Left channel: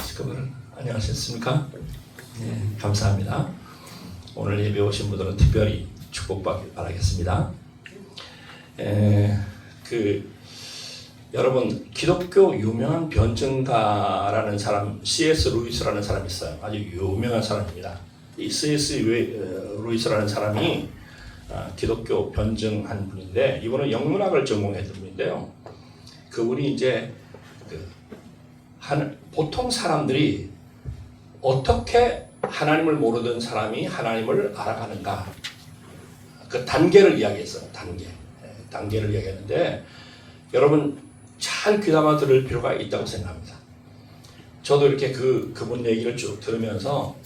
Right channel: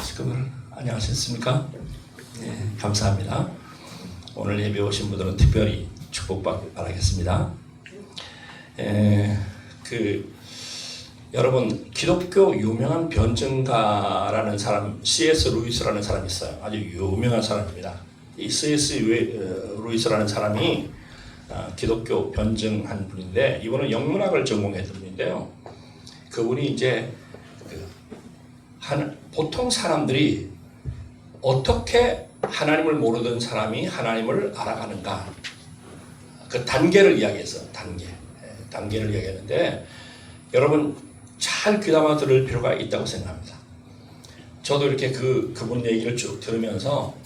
시끄러워. 안녕하셨습니까? 감사합니다. 오늘 예배 오신 분들은 특별히 축복받길 바라겠습니다. 여러분, 기독교 유명한 변증가라는 사람, C.S. 루이스라는 사람이 있어요. 아주 유명한 사람입니다. 이 C.S. 루이스라는 사람이 기독교 변증한 분인데, 이분은 영문학을 전공했던 분인데요. 그분이 이제 보통 사람들이 어떻게 하나님을 모르던 사람이 하나님을 알아가는가, 그 단계를 이야기했어요. 단계를 이야기했는데, 여러분 잘 귀담아 들을 필요가 있다고 생각합니다. 저도 이렇게 그분 얘기를 쭉 들으면서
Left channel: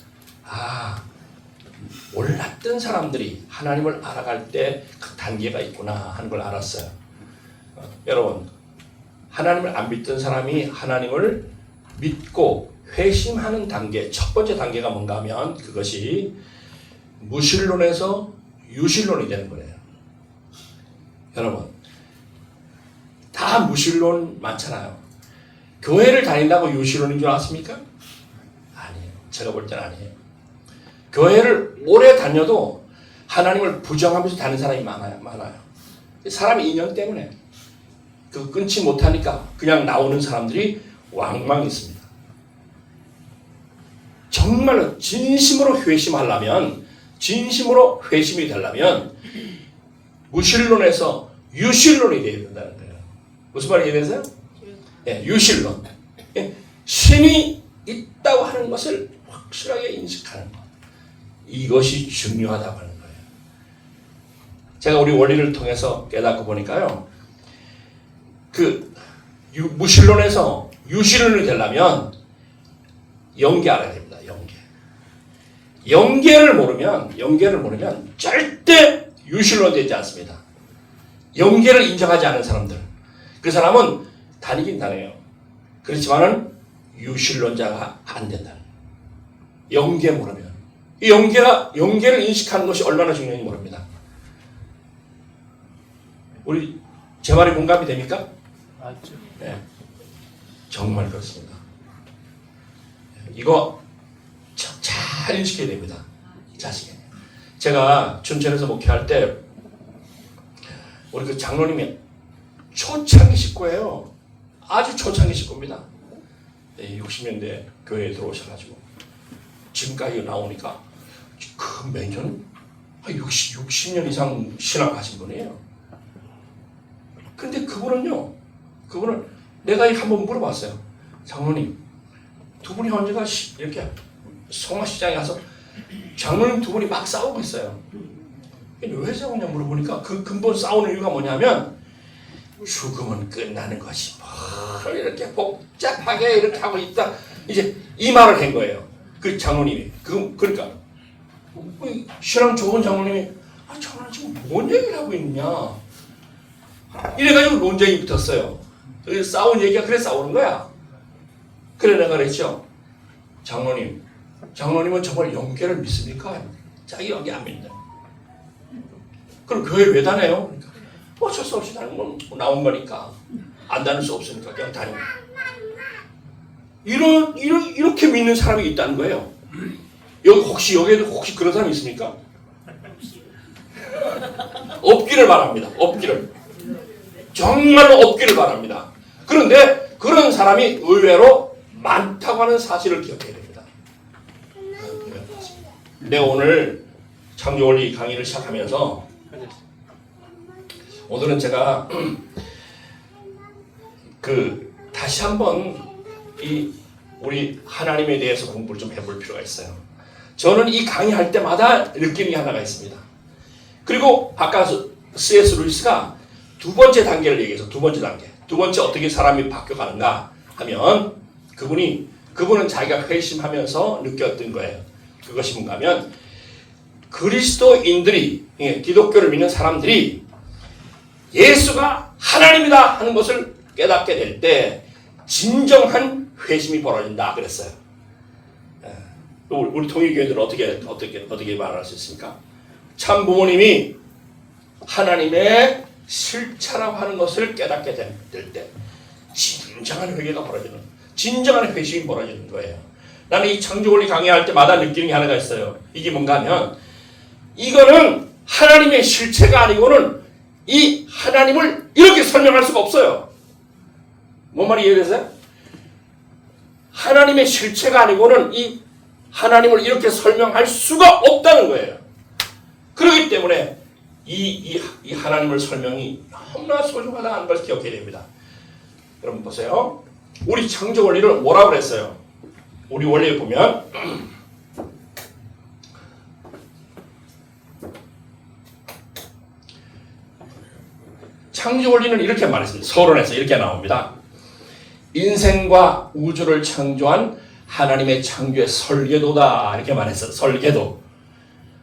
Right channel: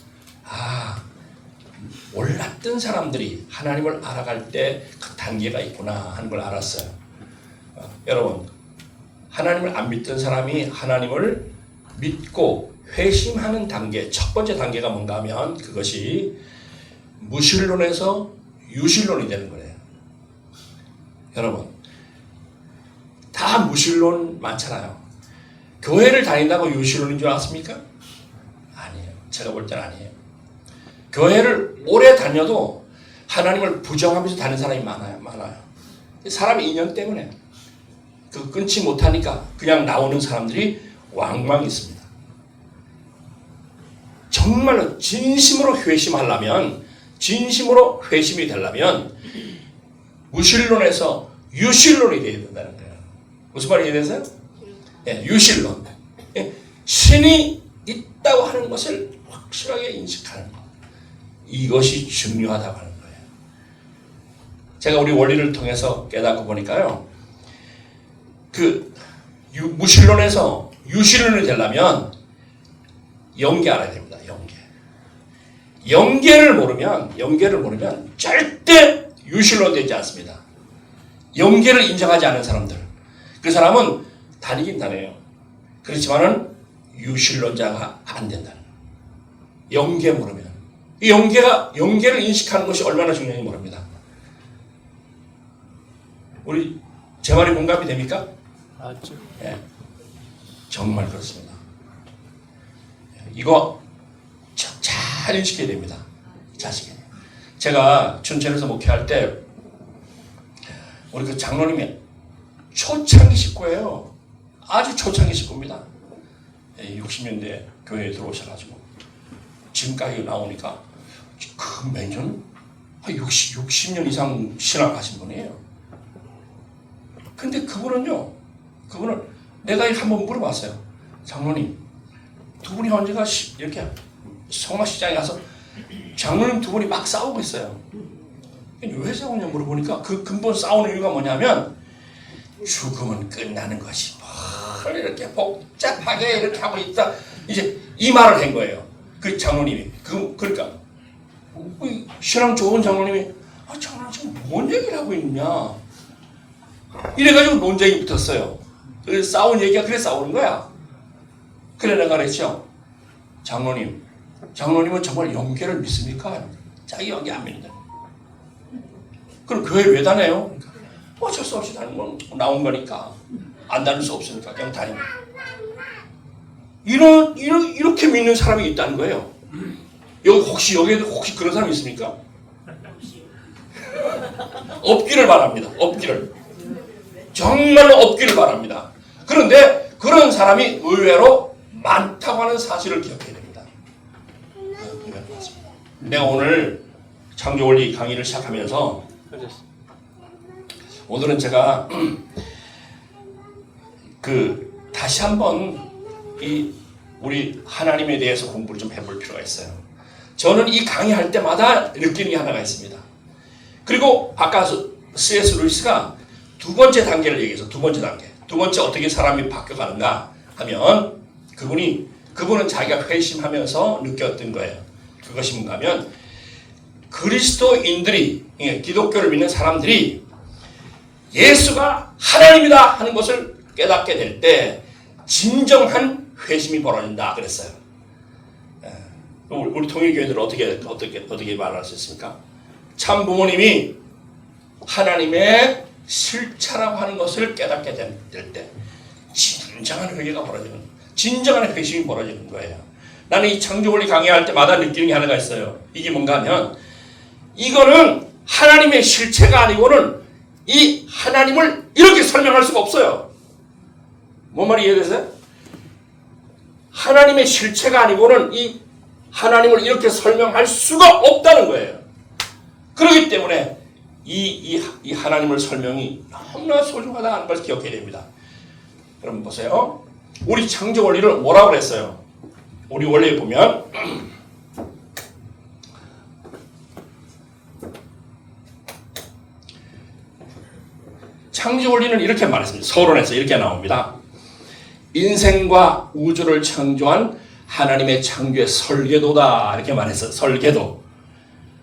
몰랐던 사람들이 하나님을 알아갈 때 그 단계가 있구나 하는 걸 알았어요. 여러분, 하나님을 안 믿던 사람이 하나님을 믿고 회심하는 단계, 첫 번째 단계가 뭔가 하면 그것이 무신론에서 유신론이 되는 거예요. 여러분, 다 무신론 많잖아요. 교회를 다닌다고 유신론인 줄 아십니까? 아니에요. 제가 볼 땐 아니에요. 교회를 오래 다녀도 하나님을 부정하면서 다니는 사람이 많아요. 사람의 인연 때문에 끊지 못하니까 그냥 나오는 사람들이 왕왕 있습니다. 정말로 진심으로 회심하려면, 진심으로 회심이 되려면 무신론에서 유신론이 되어야 된다는 거예요. 무슨 말이 이해되세요? 유신론. 신이 있다고 하는 것을 확실하게 인식하는 것. 이것이 중요하다고 하는 거예요. 제가 우리 원리를 통해서 깨닫고 보니까요. 무신론에서 유신론이 되려면 영계 알아야 됩니다. 영계를 모르면 절대 유신론 되지 않습니다. 영계를 인정하지 않은 사람들, 그 사람은 다니긴 다녀요. 그렇지만은 유신론자가 안 된다는 거예요. 영계 모르면. 이 영계를 인식하는 것이 얼마나 중요한지 모릅니다. 우리 제 말이 공감이 됩니까? 맞죠. 네, 정말 그렇습니다. 이거 잘 인식해야 됩니다. 자식이. 제가 춘천에서 목회할 때 우리 장로님이 초창기 식구예요. 아주 초창기 식구입니다. 60년대 교회에 들어오셔가지고 지금까지 나오니까 매년 60년 이상 신앙하신 분이에요. 근데 그분은 내가 한번 물어봤어요. 장로님, 두 분이 언제가 이렇게 송화시장에 가서 장로님 두 분이 막 싸우고 있어요. 왜 싸우냐 물어보니까 그 근본 싸우는 이유가 뭐냐면 죽음은 끝나는 것이 뭘 이렇게 복잡하게 이렇게 하고 있다. 이제 이 말을 한 거예요. 그 장로님이. 그러니까 신앙 좋은 장로님이 장로님 지금 뭔 얘기를 하고 있느냐. 이래가지고 논쟁이 붙었어요. 그래서 싸운 얘기가 그래 싸우는 거야. 그래 내가 그랬죠. 장로님은 정말 영계를 믿습니까? 자기 영계 안 믿는다. 그럼 교회 왜 다녀요? 어쩔 수 없이 나온 거니까. 안 다닐 수 없으니까 그냥 다니는 거예요. 이렇게 믿는 사람이 있다는 거예요. 여기에도 혹시 그런 사람이 있습니까? 없기를 바랍니다. 정말로 없기를 바랍니다. 그런데 그런 사람이 의외로 많다고 하는 사실을 기억해야 됩니다. 내가 오늘 창조원리 강의를 시작하면서 오늘은 제가 다시 한번 우리 하나님에 대해서 공부를 좀 해볼 필요가 있어요. 저는 이 강의할 때마다 느끼는 게 하나가 있습니다. 그리고 아까 C.S. 루이스가 두 번째 단계를 얘기해서 두 번째 어떻게 사람이 바뀌어가는가 하면 그분은 자기가 회심하면서 느꼈던 거예요. 그것이 뭔가 하면 그리스도인들이, 기독교를 믿는 사람들이 예수가 하나님이다 하는 것을 깨닫게 될 때 진정한 회심이 벌어진다 그랬어요. 우리 통일교회들은 어떻게 말할 수 있습니까? 참 부모님이 하나님의 실체라고 하는 것을 깨닫게 될 때 진정한 회개가 벌어지는, 진정한 회심이 벌어지는 거예요. 나는 이 창조원리 강의할 때마다 느끼는 게 하나가 있어요. 이게 뭔가 하면 이거는 하나님의 실체가 아니고는 이 하나님을 이렇게 설명할 수가 없어요. 뭔 말이 이해되세요? 하나님의 실체가 아니고는 이 하나님을 이렇게 설명할 수가 없다는 거예요. 그렇기 때문에 이 하나님을 설명이 너무나 소중하다는 걸 기억해야 됩니다. 여러분 보세요. 우리 창조 원리를 뭐라고 그랬어요? 우리 원리에 보면 창조 원리는 이렇게 말했습니다. 서론에서 이렇게 나옵니다. 인생과 우주를 창조한 하나님의 창조의 설계도다 이렇게 말했어요. 설계도.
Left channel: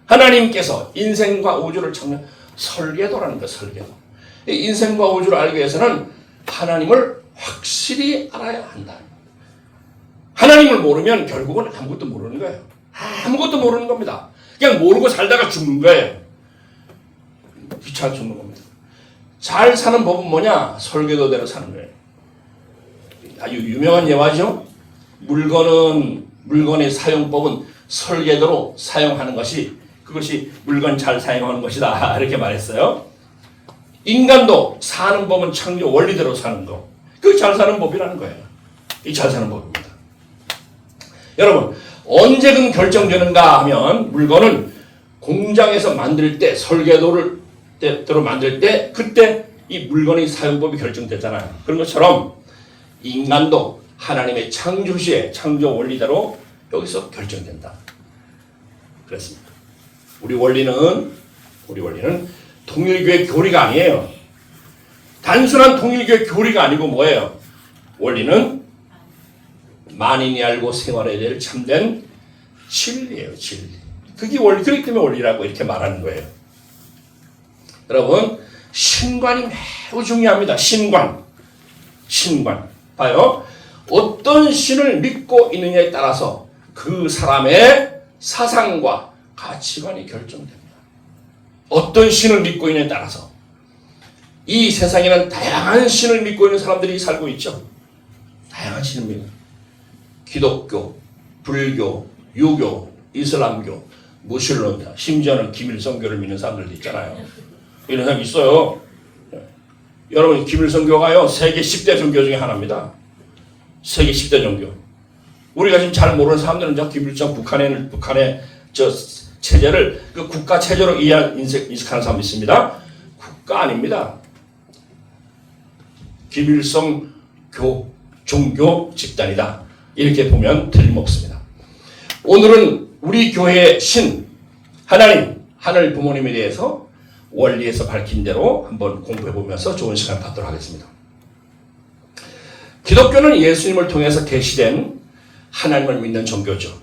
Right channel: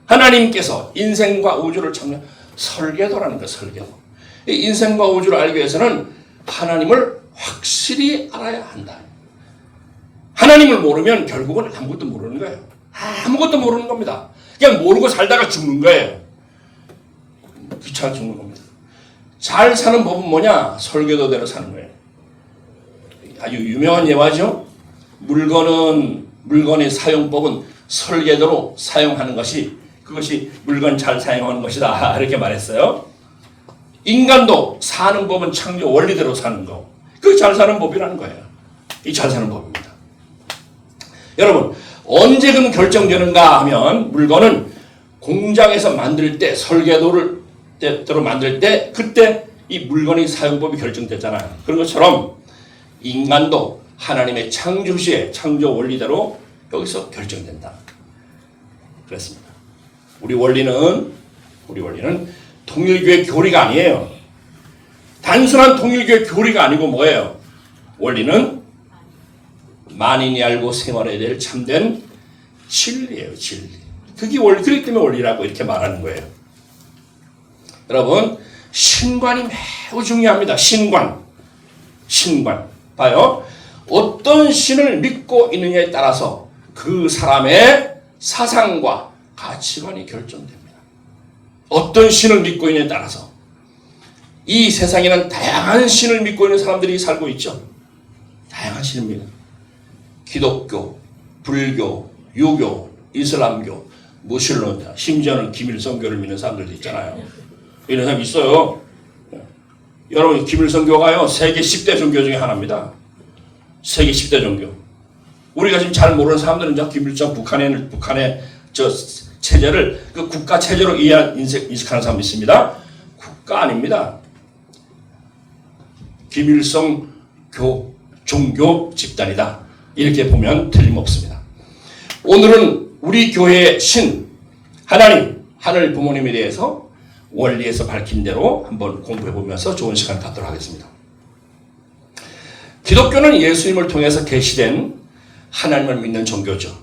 하나님께서 인생과 우주를 창조한 설계도라는 거예요. 설계도. 이 인생과 우주를 알기 위해서는 하나님을 확실히 알아야 한다. 하나님을 모르면 결국은 아무것도 모르는 거예요. 아무것도 모르는 겁니다. 그냥 모르고 살다가 죽는 거예요. 귀찮아 죽는 겁니다. 잘 사는 법은 뭐냐? 설계도대로 사는 거예요. 아주 유명한 예화죠. 물건의 사용법은 설계도로 사용하는 것이 그것이 물건 잘 사용하는 것이다 이렇게 말했어요. 인간도 사는 법은 창조 원리대로 사는 거. 그게 잘 사는 법이라는 거예요. 이 잘 사는 법입니다. 여러분 언제든 결정되는가 하면 물건은 공장에서 만들 때 설계도를 대로 만들 때 그때 이 물건의 사용법이 결정되잖아요. 그런 것처럼 인간도 하나님의 창조시에 창조 원리대로 여기서 결정된다. 그렇습니다. 우리 원리는 통일교의 교리가 아니에요. 단순한 통일교의 교리가 아니고 뭐예요? 원리는 만인이 알고 생활해야 될 참된 진리예요. 진리. 그게 원리. 그렇기 때문에 원리라고 이렇게 말하는 거예요. 여러분 신관이 매우 중요합니다. 신관. 봐요. 어떤 신을 믿고 있느냐에 따라서 그 사람의 사상과 가치관이 결정됩니다. 어떤 신을 믿고 있느냐에 따라서 이 세상에는 다양한 신을 믿고 있는 사람들이 살고 있죠. 다양한 신을 믿는 기독교, 불교, 유교, 이슬람교, 무슬림, 심지어는 김일성교를 믿는 사람들도 있잖아요. 이런 사람이 있어요. 여러분 김일성교가요 세계 10대 종교 중에 하나입니다. 세계 10대 종교. 우리가 지금 잘 모르는 사람들은 저 김일성 북한의 저 체제를 그 국가 체제로 인식하는 사람이 있습니다. 국가 아닙니다. 김일성 종교 집단이다. 이렇게 보면 틀림없습니다. 오늘은 우리 교회의 신 하나님 하늘 부모님에 대해서 원리에서 밝힌 대로 한번 공부해 보면서 좋은 시간 갖도록 하겠습니다. 기독교는 예수님을 통해서 계시된 하나님을 믿는 종교죠.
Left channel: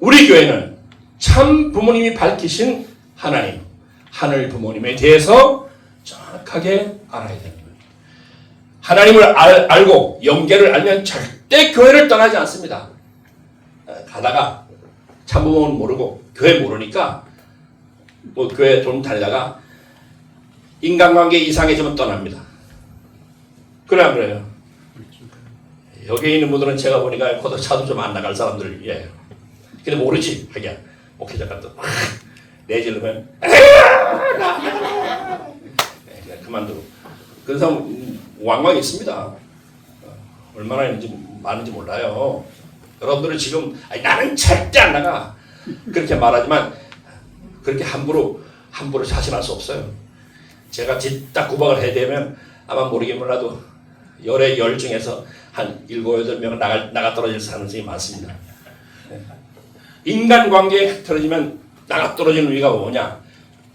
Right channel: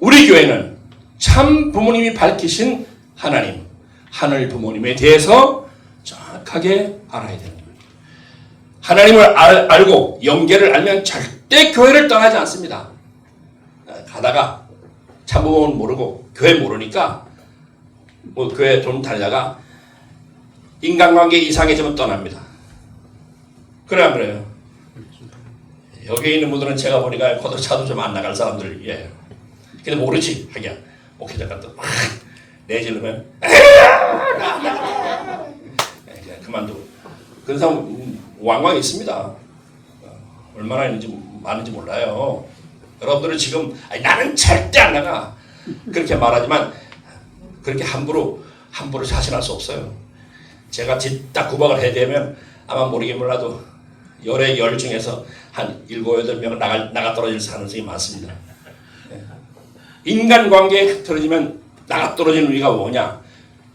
우리 교회는 참 부모님이 밝히신 하나님, 하늘 부모님에 대해서 정확하게 알아야 되는 거예요. 하나님을 알고 영계를 알면 절대 교회를 떠나지 않습니다. 가다가 참 부모는 모르고 교회 모르니까 뭐 교회 좀 다니다가 인간관계 이상해지면 떠납니다. 그래 안 그래요? 여기 있는 분들은 제가 보니까 고도 차도 좀 안 나갈 사람들이에요. 근데 모르지 하기야. 목회자가 또 내지르면 그만두고 그런 사람 왕왕 있습니다. 얼마나 있는지 많은지 몰라요. 여러분들은 지금 나는 절대 안 나가 그렇게 말하지만 그렇게 함부로 자신할 수 없어요. 제가 딱 구박을 해야 되면 아마 모르긴 몰라도 열의 열 중에서 한 7, 8명은 나가 떨어질 가능성이 많습니다. 인간관계에 틀어지면 나가 떨어지는 이유가 뭐냐?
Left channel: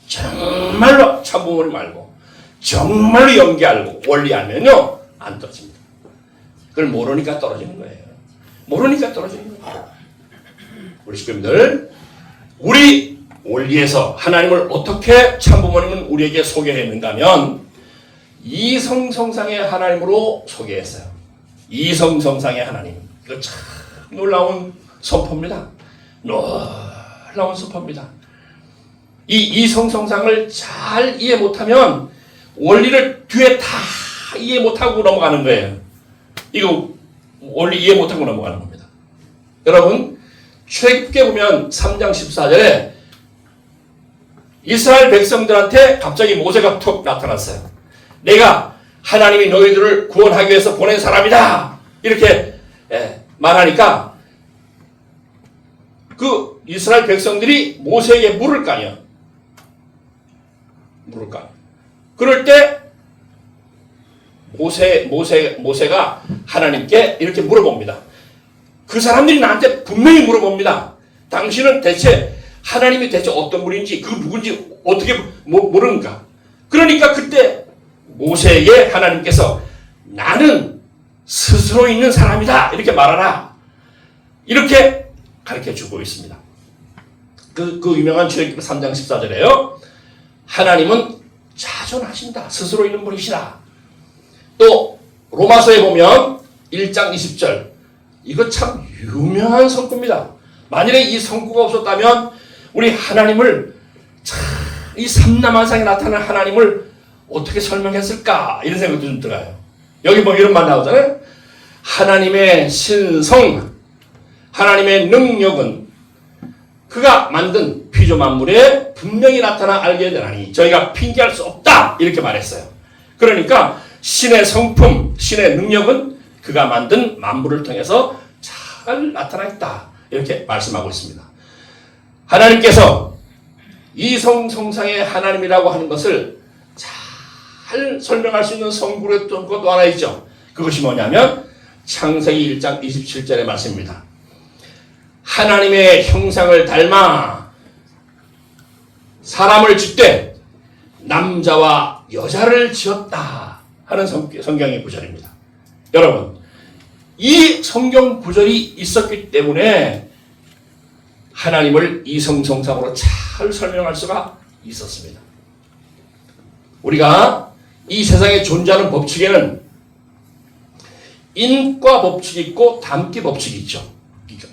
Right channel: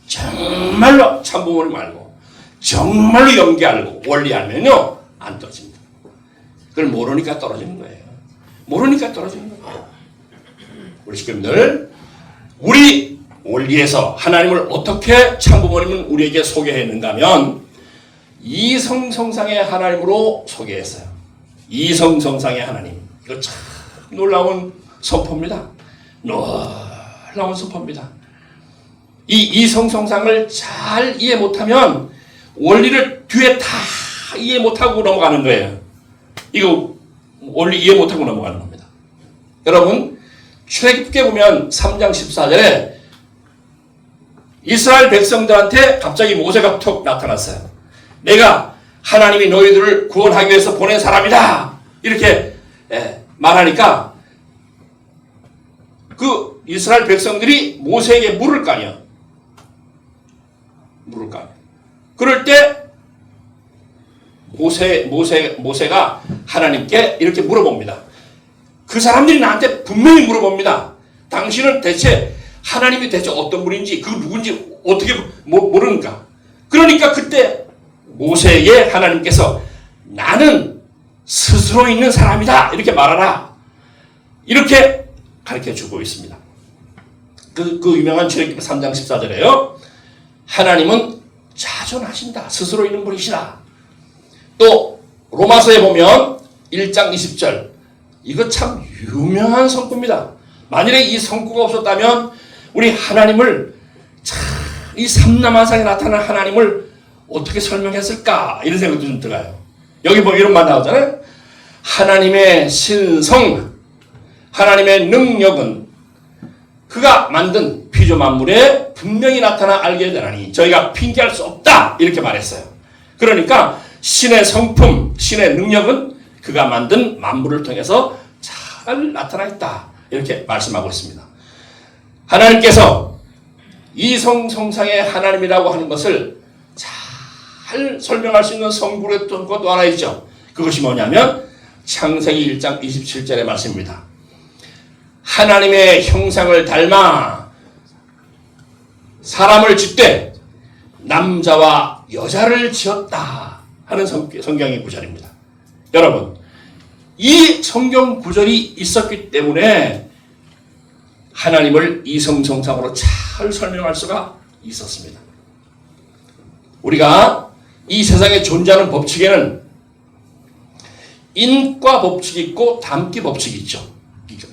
정말로 참부모님 알고 정말로 연기 알고 원리 알면요 안 떨어집니다. 그걸 모르니까 떨어지는 거예요. 모르니까 떨어지는 거예요. 우리 식구님들 우리 원리에서 하나님을 어떻게 참부모님은 우리에게 소개했는가 하면 이성성상의 하나님으로 소개했어요. 이성성상의 하나님. 이거 참 놀라운 선포입니다. 놀라운 선포입니다. 이 이성성상을 잘 이해 못하면 원리를 뒤에 다 이해 못하고 넘어가는 거예요. 이거 원리 이해 못하고 넘어가는 겁니다. 여러분, 출애굽기에 보면 3장 14절에 이스라엘 백성들한테 갑자기 모세가 툭 나타났어요. 내가 하나님이 너희들을 구원하기 위해서 보낸 사람이다. 이렇게 말하니까 그 이스라엘 백성들이 모세에게 물을 거 아니야. 물을 거 아니야. 그럴 때 모세가 하나님께 이렇게 물어봅니다. 그 사람들이 나한테 분명히 물어봅니다. 당신은 대체 하나님이 대체 어떤 분인지 그 누군지 어떻게 모르는가. 그러니까 그때 모세에게 하나님께서 나는 스스로 있는 사람이다 이렇게 말하라 이렇게 가르쳐주고 있습니다. 그 유명한 출애굽기 3장 14절에요. 하나님은 자존하신다. 스스로 있는 분이시다. 또 로마서에 보면 1장 20절 이거 참 유명한 성구입니다. 만일에 이 성구가 없었다면 우리 하나님을 이 삼라만상에 나타난 하나님을 어떻게 설명했을까 이런 생각도 좀 들어요. 여기 보면 이런 말 나오잖아요. 하나님의 신성, 하나님의 능력은 그가 만든 피조 만물에 분명히 나타나 알게 되나니 저희가 핑계할 수 없다 이렇게 말했어요. 그러니까 신의 성품, 신의 능력은 그가 만든 만물을 통해서 잘 나타나 있다 이렇게 말씀하고 있습니다. 하나님께서 이성성상의 하나님이라고 하는 것을 잘 설명할 수 있는 성구의 것도 하나 있죠. 그것이 뭐냐면 창세기 1장 27절의 말씀입니다. 하나님의 형상을 닮아 사람을 짓되 남자와 여자를 지었다 하는 성경의 구절입니다. 여러분, 이 성경 구절이 있었기 때문에 하나님을 이성성상으로 잘 설명할 수가 있었습니다. 우리가 이 세상에 존재하는 법칙에는 인과 법칙이 있고 담기 법칙이 있죠.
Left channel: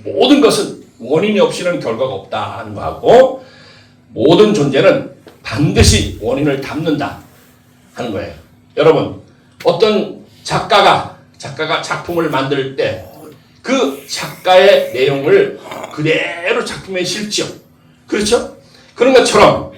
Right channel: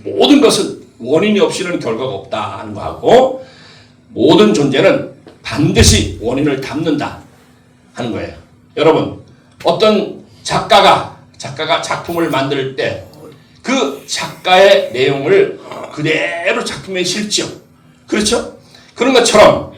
모든 것은 원인이 없이는 결과가 없다 하는 거하고 모든 존재는 반드시 원인을 담는다 하는 거예요. 여러분, 어떤 작가가 작품을 만들 때 그 작가의 내용을 그대로 작품에 실지요. 그렇죠? 그런 것처럼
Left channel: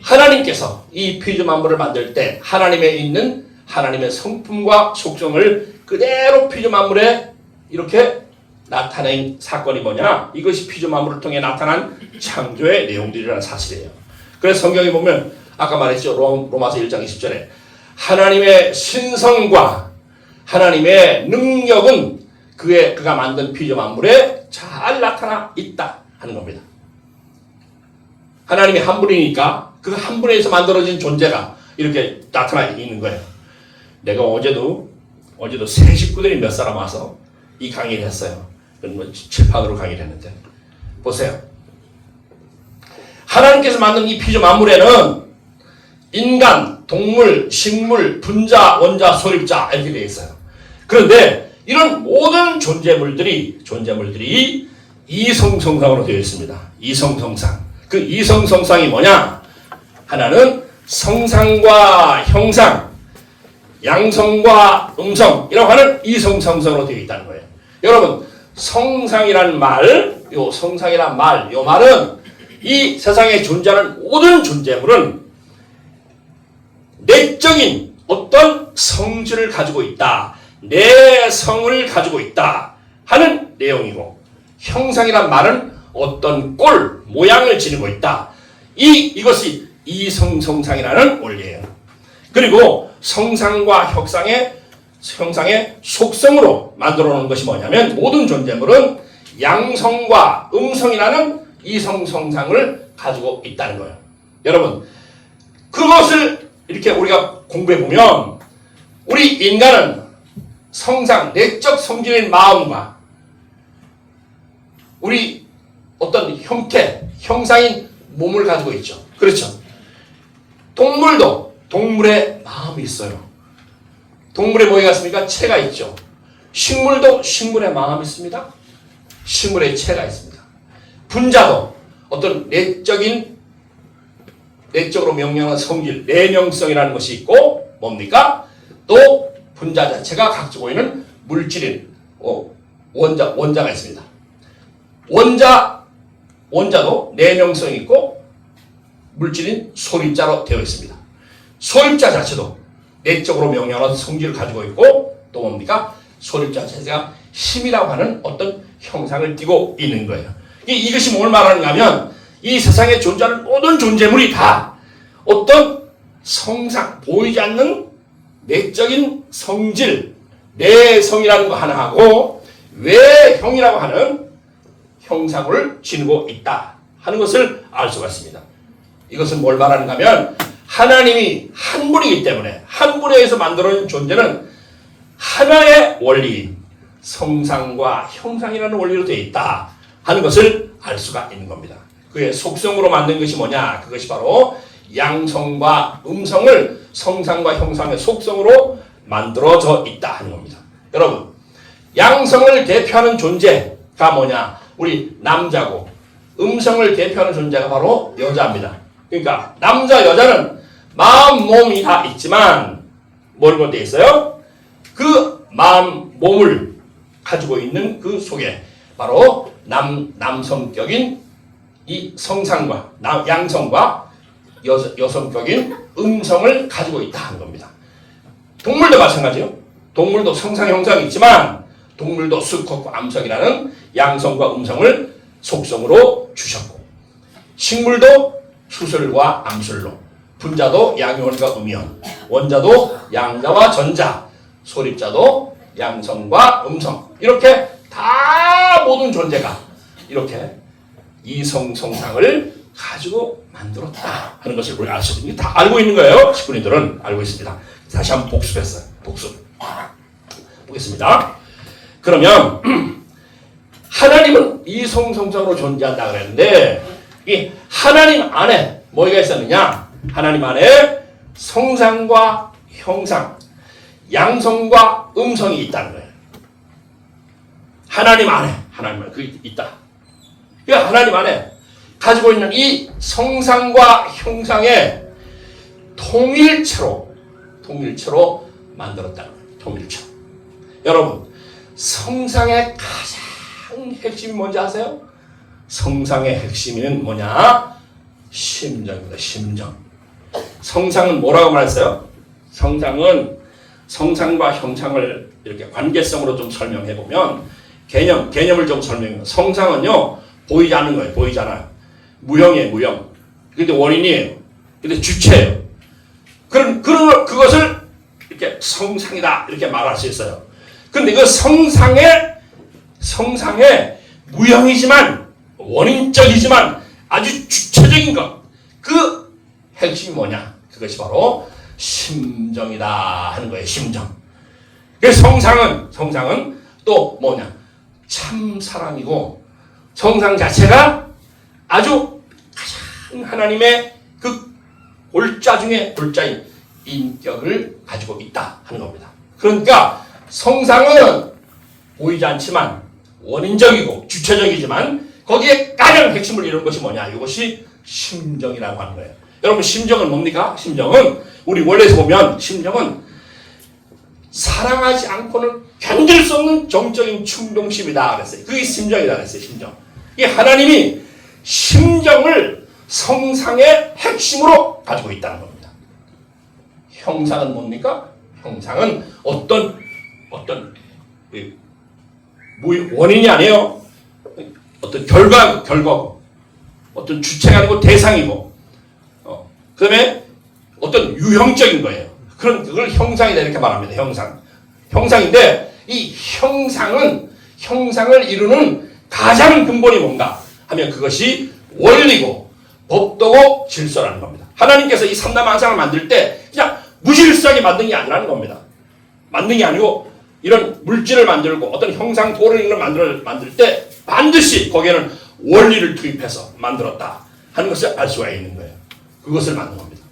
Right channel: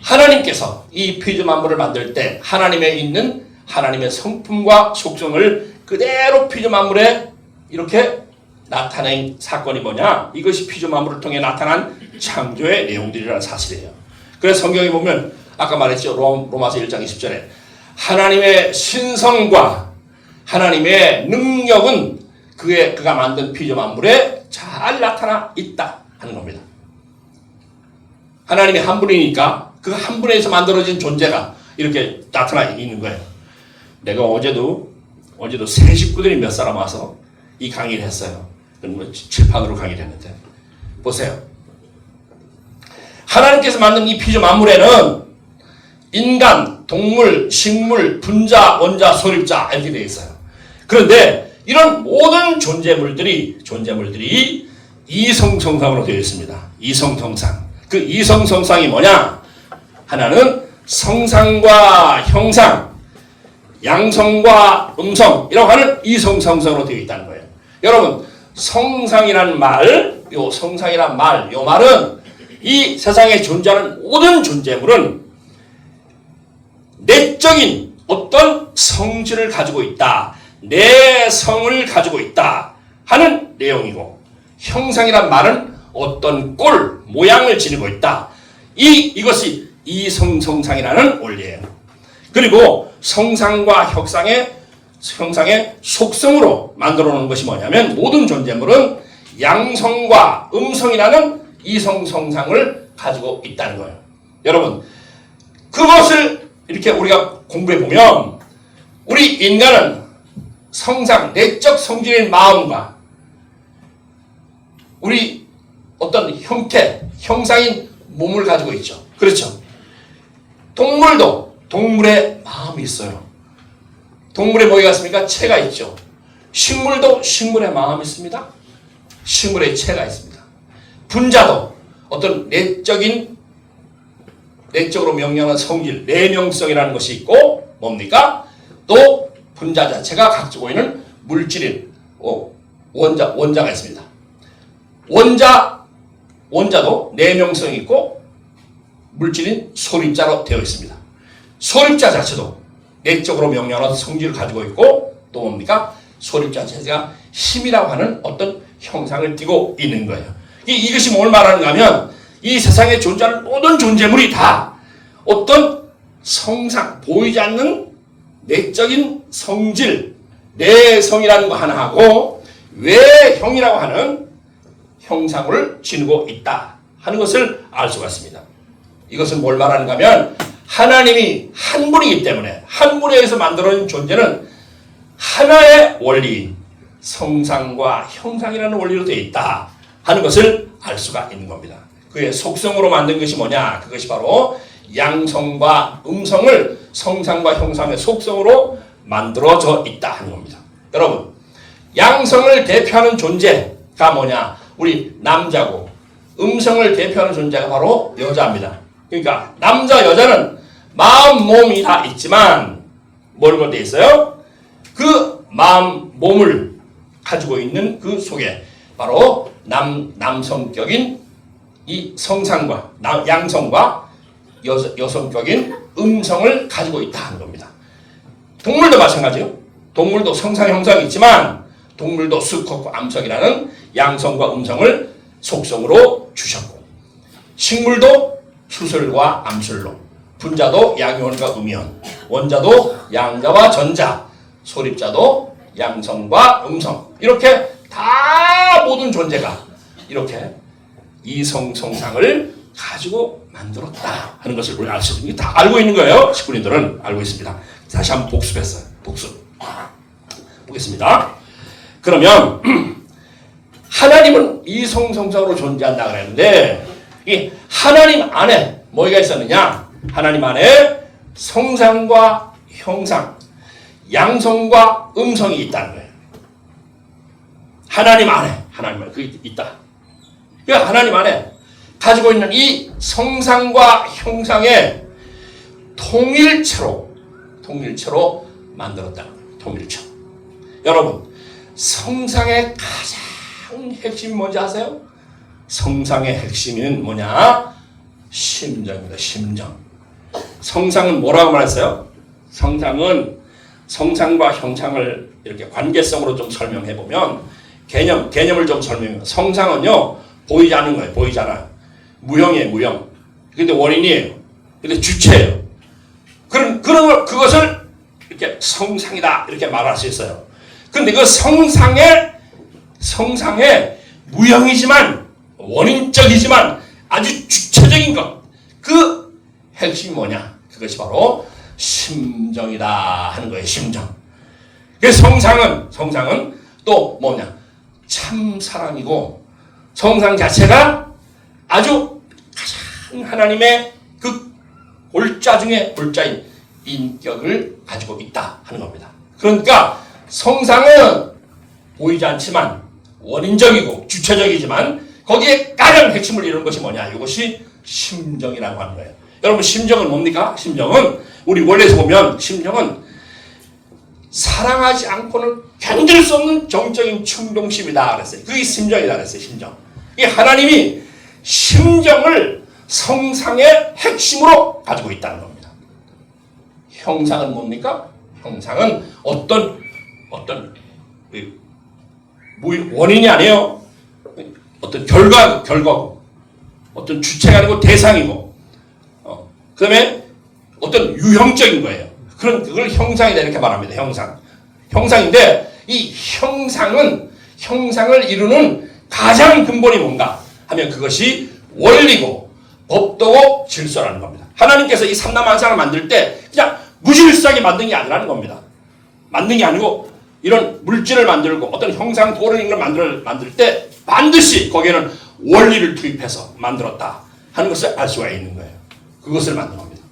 하나님께서 이 피조 만물을 만들 때 하나님에 있는 하나님의 성품과 속성을 그대로 피조 만물에 이렇게 나타낸 사건이 뭐냐? 이것이 피조 만물을 통해 나타난 창조의 내용들이라는 사실이에요. 그래서 성경에 보면 아까 말했죠. 로마서 1장 20절에 하나님의 신성과 하나님의 능력은 그가 만든 피조 만물에 잘 나타나 있다 하는 겁니다. 하나님이 한 분이니까 그 한 분에서 만들어진 존재가 이렇게 나타나 있는 거예요. 내가 어제도 새 식구들이 몇 사람 와서 이 강의를 했어요. 칠판으로 강의를 했는데 보세요. 하나님께서 만든 이 피조 만물에는 인간, 동물, 식물, 분자, 원자, 소립자 이렇게 되어 있어요. 그런데 이런 모든 존재물들이 이성성상으로 되어 있습니다. 이성성상. 그 이성성상이 뭐냐? 하나는 성상과 형상, 양성과 음성이라고 하는 이성성상으로 되어 있다는 거예요. 여러분, 성상이라는 말, 요 말은 이 세상에 존재하는 모든 존재물은 내적인 어떤 성질을 가지고 있다. 내 성을 가지고 있다 하는 내용이고, 형상이란 말은 어떤 꼴, 모양을 지니고 있다. 이것이 이성성상이라는 원리예요. 그리고 성상과 형상의 속성으로 만들어 놓은 것이 뭐냐면 모든 존재물은 양성과 음성이라는 이성성상을 가지고 있다는 거예요. 여러분, 그것을 이렇게 우리가 공부해 보면 우리 인간은 성상, 내적 성질의 마음과 우리 어떤 형상인 몸을 가지고 있죠. 그렇죠. 동물도 동물의 마음이 있어요. 동물의 뭐가 있습니까? 체가 있죠. 식물도 식물의 마음이 있습니다. 식물의 체가 있습니다. 분자도 어떤 내적으로 명령한 성질, 내명성이라는 것이 있고 뭡니까? 또 분자 자체가 가지고 있는 물질인 원자가 있습니다. 원자도 내명성이 있고 물질인 소립자로 되어 있습니다. 소립자 자체도 내적으로 명령하는 성질을 가지고 있고 또 뭡니까? 소립자 자체가 힘이라고 하는 어떤 형상을 띠고 있는 거예요. 이것이 뭘 말하는가 하면 이 세상에 존재하는 모든 존재물이 다 어떤 성상, 보이지 않는 내적인 성질, 내성이라는 거 하나 하고 외형이라고 하는 형상을 지니고 있다 하는 것을 알 수가 있습니다. 이것은 뭘 말하는가 하면 하나님이 한 분이기 때문에 한 분에 의해서 만들어진 존재는 하나의 원리, 성상과 형상이라는 원리로 되어 있다 하는 것을 알 수가 있는 겁니다. 그의 속성으로 만든 것이 뭐냐? 그것이 바로 양성과 음성을 성상과 형상의 속성으로 만들어져 있다 하는 겁니다. 여러분, 양성을 대표하는 존재가 뭐냐? 우리 남자고 음성을 대표하는 존재가 바로 여자입니다. 그러니까 남자, 여자는 마음, 몸이 다 있지만 뭐라고 되어 있어요? 그 마음, 몸을 가지고 있는 그 속에 바로 남성격인 이 성상과 양성과 여성격인 음성을 가지고 있다 하는 겁니다. 동물도 마찬가지요. 동물도 성상, 형상이 있지만 동물도 수컷과 암석이라는 양성과 음성을 속성으로 주셨고 식물도 수술과 암술로 분자도 양이온과 음이온 원자도 양자와 전자 소립자도 양성과 음성 이렇게 다 모든 존재가 이렇게 이성성상을 가지고 만들었다 하는 것을 우리 알 수 있습니다. 다 알고 있는 거예요. 식구님들은 알고 있습니다. 다시 한번 복습했어요. 복습. 보겠습니다. 그러면 하나님은 이성성상으로 존재한다 그랬는데 이 하나님 안에 뭐가 있었느냐? 하나님 안에 성상과 형상, 양성과 음성이 있다는 거예요. 하나님 안에 그게 있다. 그러니까 하나님 안에 가지고 있는 이 성상과 형상의 통일체로 만들었다는 거예요. 통일체로. 여러분, 성상의 가장 핵심이 뭔지 아세요? 성상의 핵심은 뭐냐? 심정입니다. 심정. 성상은 뭐라고 말했어요? 성상은 성상과 형상을 이렇게 관계성으로 좀 설명해 보면 개념을 좀 설명해요. 성상은요 보이지 않는 거예요. 보이지 않아요. 무형이에요. 무형. 근데 원인이에요. 근데 주체예요. 그것을 이렇게 성상이다 이렇게 말할 수 있어요. 근데 그 성상의 무형이지만 원인적이지만 아주 주체적인 것. 그 핵심이 뭐냐? 그것이 바로 심정이다 하는 거예요. 심정. 그 성상은 또 뭐냐? 참 사랑이고 성상 자체가 아주 가장 하나님의 그 골자 중에 골자인 인격을 가지고 있다 하는 겁니다. 그러니까 성상은 보이지 않지만 원인적이고 주체적이지만 거기에 가장 핵심을 이루는 것이 뭐냐? 이것이 심정이라고 하는 거예요. 여러분 심정은 뭡니까? 심정은 우리 원래에서 보면 심정은 사랑하지 않고는 견딜 수 없는 정적인 충동심이다 그랬어요. 그게 심정이다 그랬어요. 심정. 이 하나님이 심정을 성상의 핵심으로 가지고 있다는 겁니다. 형상은 뭡니까? 형상은 어떤 원인이 아니에요. 어떤 결과고 어떤 주체가 아니고 대상이고 그 다음에 어떤 유형적인 거예요. 그걸 형상이다 이렇게 말합니다. 형상인데 이 형상을 이루는 가장 근본이 뭔가 하면 그것이 원리고 법도고 질서라는 겁니다. 하나님께서 이 삼라만상을 만들 때 그냥 무질서하게 만든 게 아니라는 겁니다. 만든 게 아니고 이런 물질을 만들고 어떤 형상 도를 만들 때 반드시 거기에는 원리를 투입해서 만들었다 하는 것을 알 수가 있는 거예요. 그것을 만든 겁니다.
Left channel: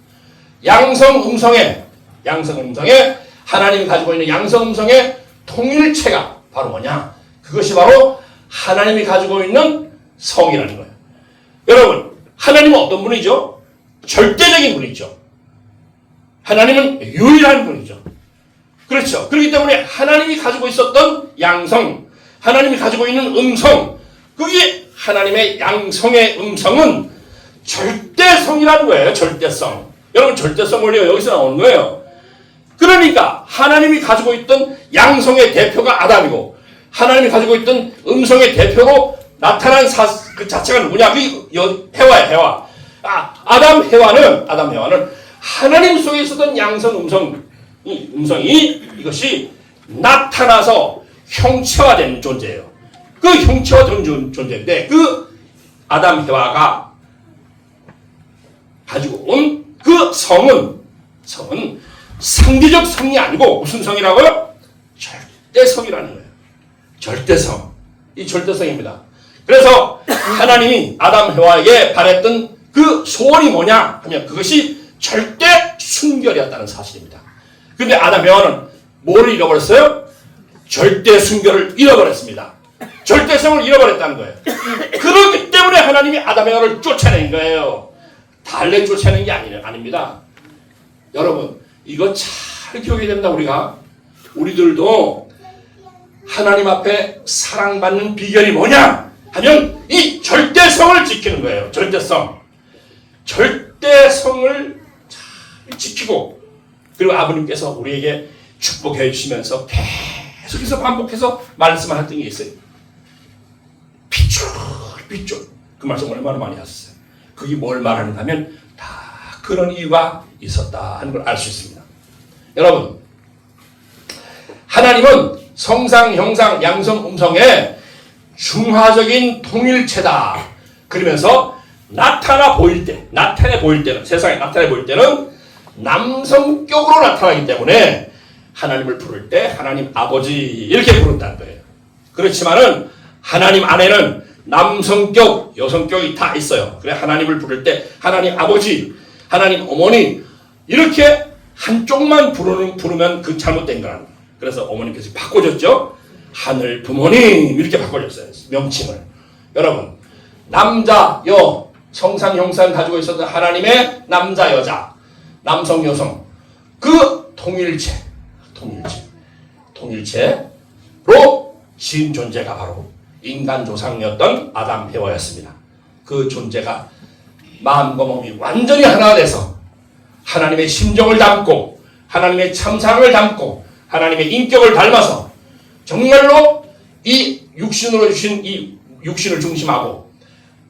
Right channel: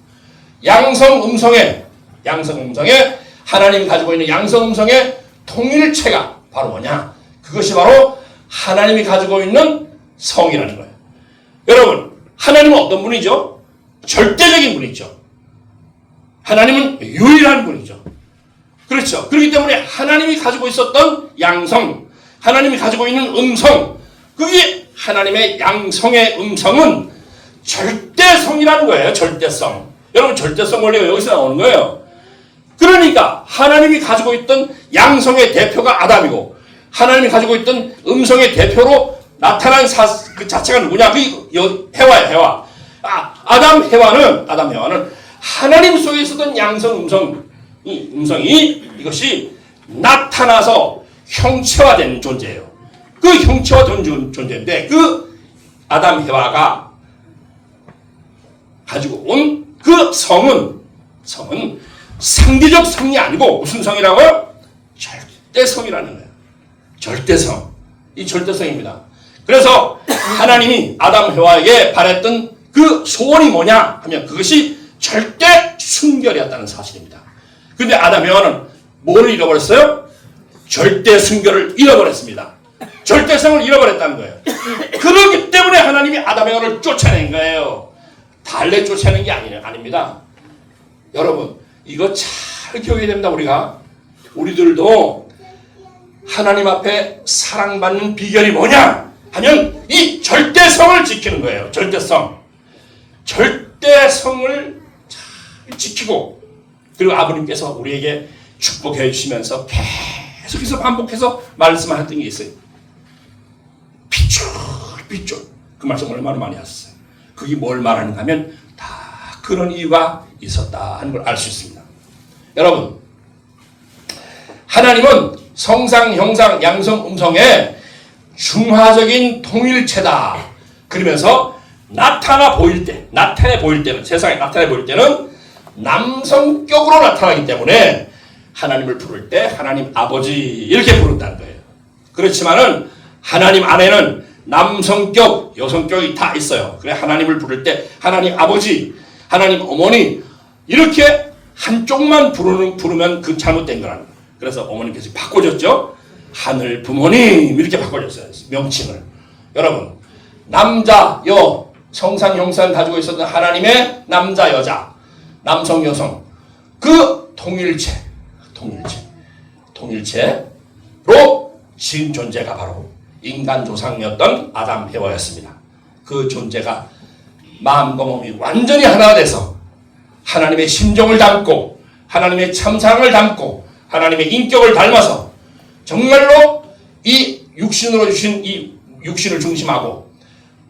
양성 음성의 하나님이 가지고 있는 양성 음성의 통일체가 바로 뭐냐? 그것이 바로 하나님이 가지고 있는 성이라는 거예요. 여러분, 하나님은 어떤 분이죠? 절대적인 분이죠. 하나님은 유일한 분이죠. 그렇죠. 그렇기 때문에 하나님이 가지고 있었던 양성, 하나님이 가지고 있는 음성, 그게 하나님의 양성의 음성은 절대성이라는 거예요. 절대성. 여러분 절대성 원리가 여기서 나오는 거예요. 그러니까 하나님이 가지고 있던 양성의 대표가 아담이고 하나님이 가지고 있던 음성의 대표로 나타난 그 자체가 누구냐? 그 해와예요. 해와. 아담 해와는 하나님 속에 있었던 양성 음성이 이것이 나타나서 형체화된 존재예요. 그 형체화된 존재인데 그 아담 해와가 가지고 온 그 성은 상대적 성이 아니고 무슨 성이라고요? 절대성이라는 거예요. 절대성. 이 절대성입니다. 그래서 하나님이 아담 해와에게 바랬던 그 소원이 뭐냐 하면 그것이 절대 순결이었다는 사실입니다. 근데 아담 해와는 뭐를 잃어버렸어요? 절대 순결을 잃어버렸습니다. 절대성을 잃어버렸다는 거예요. 그렇기 때문에 하나님이 아담 해와를 쫓아낸 거예요. 달래 쫓아낸 게 아닙니다. 여러분 이거 잘 기억해야 됩니다. 우리들도 하나님 앞에 사랑받는 비결이 뭐냐 하면 이 절대성을 지키는 거예요. 절대성을 잘 지키고 그리고 아버님께서 우리에게 축복해 주시면서 계속해서 반복해서 말씀하셨던 게 있어요. 핏줄 그 말씀 얼마나 많이 하셨어요. 그게 뭘 말하는가 하면 다 그런 이유가 있었다 하는 걸 알 수 있습니다. 여러분 하나님은 성상, 형상, 양성, 음성의 중화적인 통일체다. 그러면서 나타내 보일 때는 세상에 나타내 보일 때는 남성격으로 나타나기 때문에 하나님을 부를 때 하나님 아버지 이렇게 부른다는 거예요. 그렇지만은 하나님 안에는 남성격, 여성격이 다 있어요. 그래 하나님을 부를 때 하나님 아버지, 하나님 어머니 이렇게 한쪽만 부르면 그 잘못된 거라는 거예요. 그래서 어머님께서 바꿔줬죠. 하늘 부모님 이렇게 바꿔줬어요. 명칭을. 여러분 남자, 여, 성상, 형상 가지고 있었던 하나님의 남자, 여자, 남성, 여성 그 통일체로 지은 존재가 바로 인간 조상이었던 아담 해와였습니다. 그 존재가 마음과 몸이 완전히 하나 돼서 하나님의 심정을 담고 하나님의 참사랑을 담고 하나님의 인격을 닮아서 정말로 이 육신으로 주신 이 육신을 중심하고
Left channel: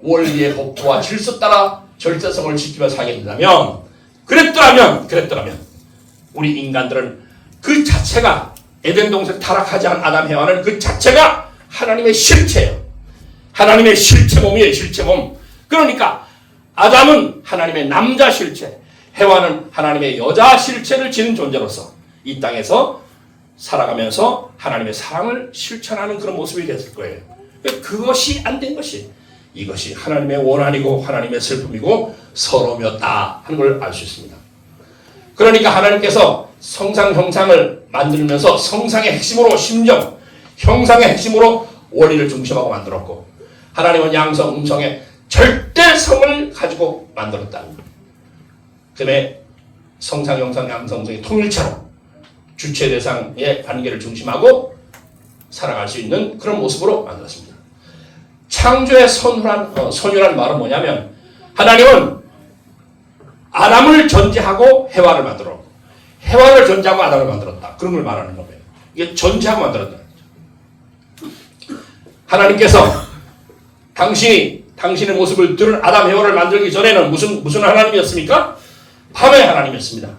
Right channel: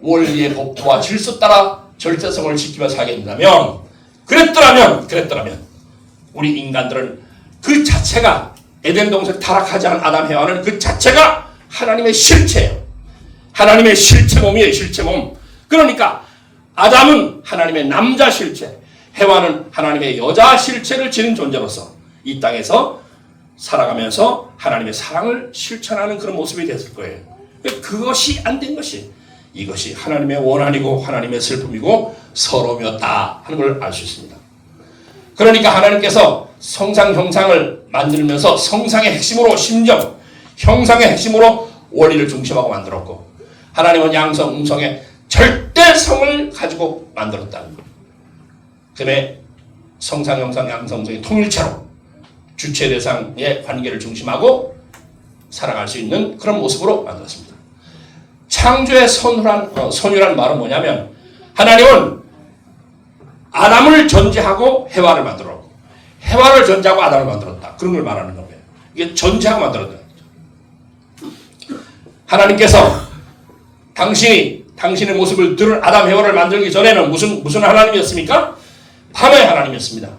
원리의 법도와 질서 따라 절대성을 지키며 살게 된다면 그랬더라면 우리 인간들은 그 자체가 에덴 동산 타락하지 않은 아담 해와는 그 자체가 하나님의 실체예요. 하나님의 실체 몸이에요. 실체 몸. 그러니까 아담은 하나님의 남자 실체, 해와는 하나님의 여자 실체를 지닌 존재로서 이 땅에서 살아가면서 하나님의 사랑을 실천하는 그런 모습이 됐을 거예요. 그것이 안 된 것이 이것이 하나님의 원한이고 하나님의 슬픔이고 서러움이었다 하는 걸 알 수 있습니다. 그러니까 하나님께서 성상 형상을 만들면서 성상의 핵심으로 심정, 형상의 핵심으로 원리를 중심하고 만들었고 하나님은 양성, 음성의 절대성을 가지고 만들었다는 거예요. 그다음에 성상, 형상, 양성, 음성의 통일체로 주체 대상의 관계를 중심하고 살아갈 수 있는 그런 모습으로 만들었습니다. 창조의 선유란 말은 뭐냐면 하나님은 아담을 전제하고 해와를 만들었고 해와를 전제하고 아담을 만들었다. 그런 걸 말하는 겁니다. 이게 전제하고 만들었다. 하나님께서 당신의 모습을 드러낸 아담 해와를 만들기 전에는 무슨 하나님이었습니까? 밤의 하나님이었습니다.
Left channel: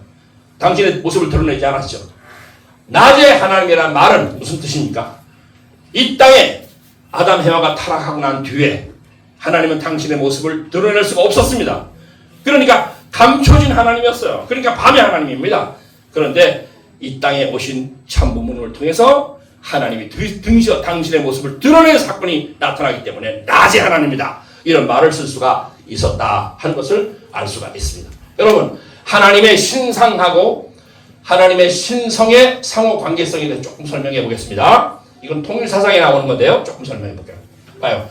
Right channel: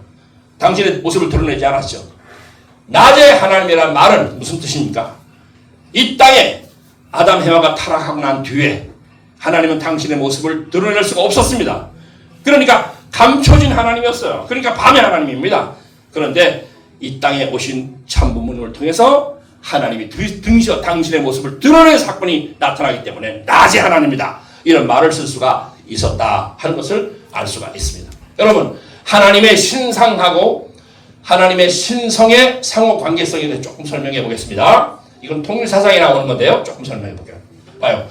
당신의 모습을 드러내지 않았죠. 낮의 하나님이라는 말은 무슨 뜻입니까? 이 땅에 아담 해와가 타락하고 난 뒤에 하나님은 당신의 모습을 드러낼 수가 없었습니다. 그러니까 감춰진 하나님이었어요. 그러니까 밤의 하나님입니다. 그런데 이 땅에 오신 참부모님을 통해서 하나님이 등지어 당신의 모습을 드러낸 사건이 나타나기 때문에 낮의 하나님이다. 이런 말을 쓸 수가 있었다 하는 것을 알 수가 있습니다. 여러분 하나님의 신상하고 하나님의 신성의 상호 관계성에 대해 조금 설명해 보겠습니다. 이건 통일사상에 나오는 건데요. 조금 설명해 볼게요. 봐요.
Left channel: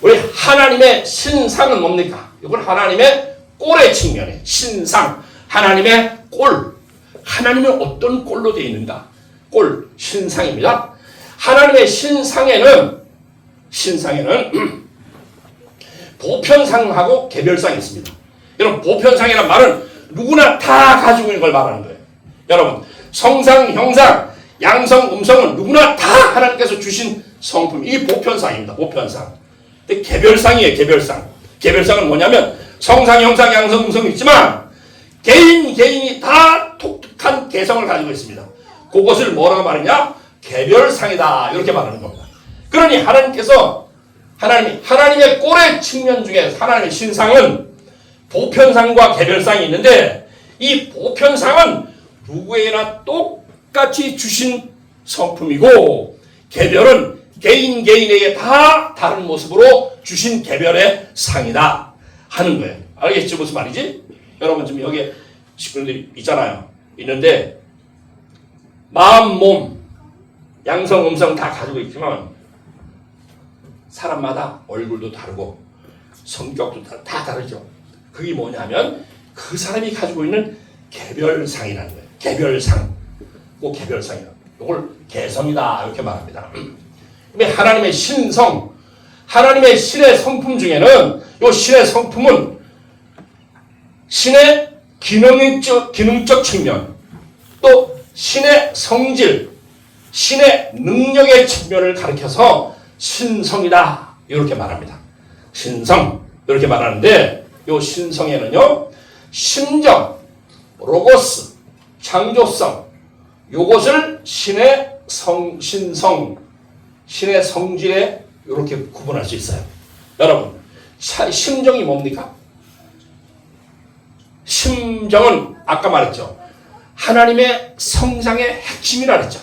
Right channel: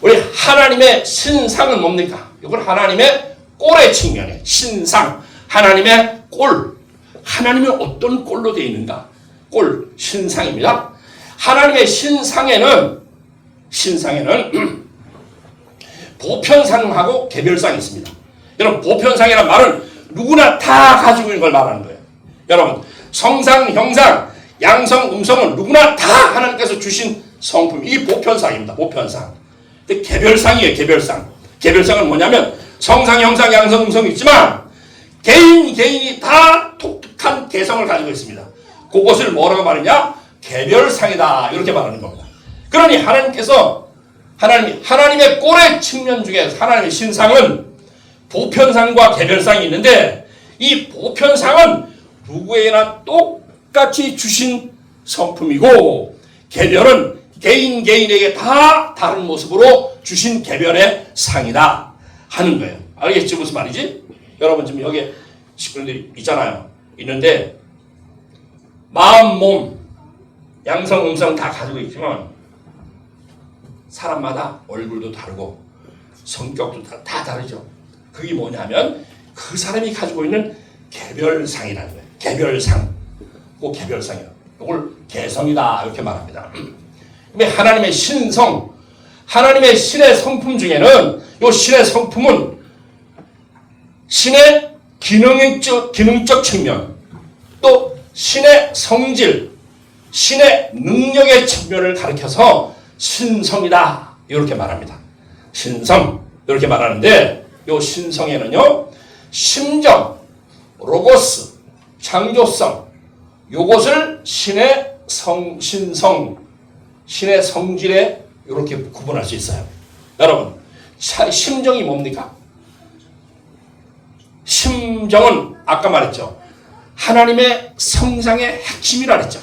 우리 하나님의 신상은 뭡니까? 이건 하나님의 꼴의 측면에 신상, 하나님의 꼴. 하나님이 어떤 꼴로 되어 있는가? 꼴 신상입니다. 하나님의 신상에는 보편상하고 개별상이 있습니다. 여러분, 보편상이라는 말은 누구나 다 가지고 있는 걸 말하는 거예요. 여러분, 성상, 형상, 양성, 음성은 누구나 다 하나님께서 주신 성품, 이게 보편상입니다. 보편상. 근데 개별상이에요. 개별상은 뭐냐면 성상, 형상, 양성, 음성이 있지만 개인이 다 독특한 개성을 가지고 있습니다. 그것을 뭐라고 말하냐? 개별상이다, 이렇게 말하는 겁니다. 그러니 하나님의 꼴의 측면 중에 하나님의 신상은 보편상과 개별상이 있는데, 이 보편상은 누구에게나 똑같이 주신 성품이고, 개별은 개인에게 다 다른 모습으로 주신 개별의 상이다 하는 거예요. 알겠죠? 무슨 말이지? 여러분, 지금 여기 식구들이 있는데 마음, 몸, 양성, 음성 다 가지고 있지만 사람마다 얼굴도 다르고 성격도 다 다르죠. 그게 뭐냐면 그 사람이 가지고 있는 개별상이라는 거예요. 개별상. 그 개별상이야. 이걸 개성이다, 이렇게 말합니다. 근데 하나님의 신성, 하나님의 신의 성품 중에는 이 신의 성품은 신의 기능적 측면, 또 신의 성질, 신의 능력의 측면을 가리켜서 신성이다, 이렇게 말합니다. 신성, 이렇게 말하는데 이 신성에는요, 심정, 로고스, 창조성, 요것을 신의 신성, 신의 성질에 이렇게 구분할 수 있어요. 여러분, 심정이 뭡니까? 심정은 아까 말했죠. 하나님의 성상의 핵심이라 그랬죠.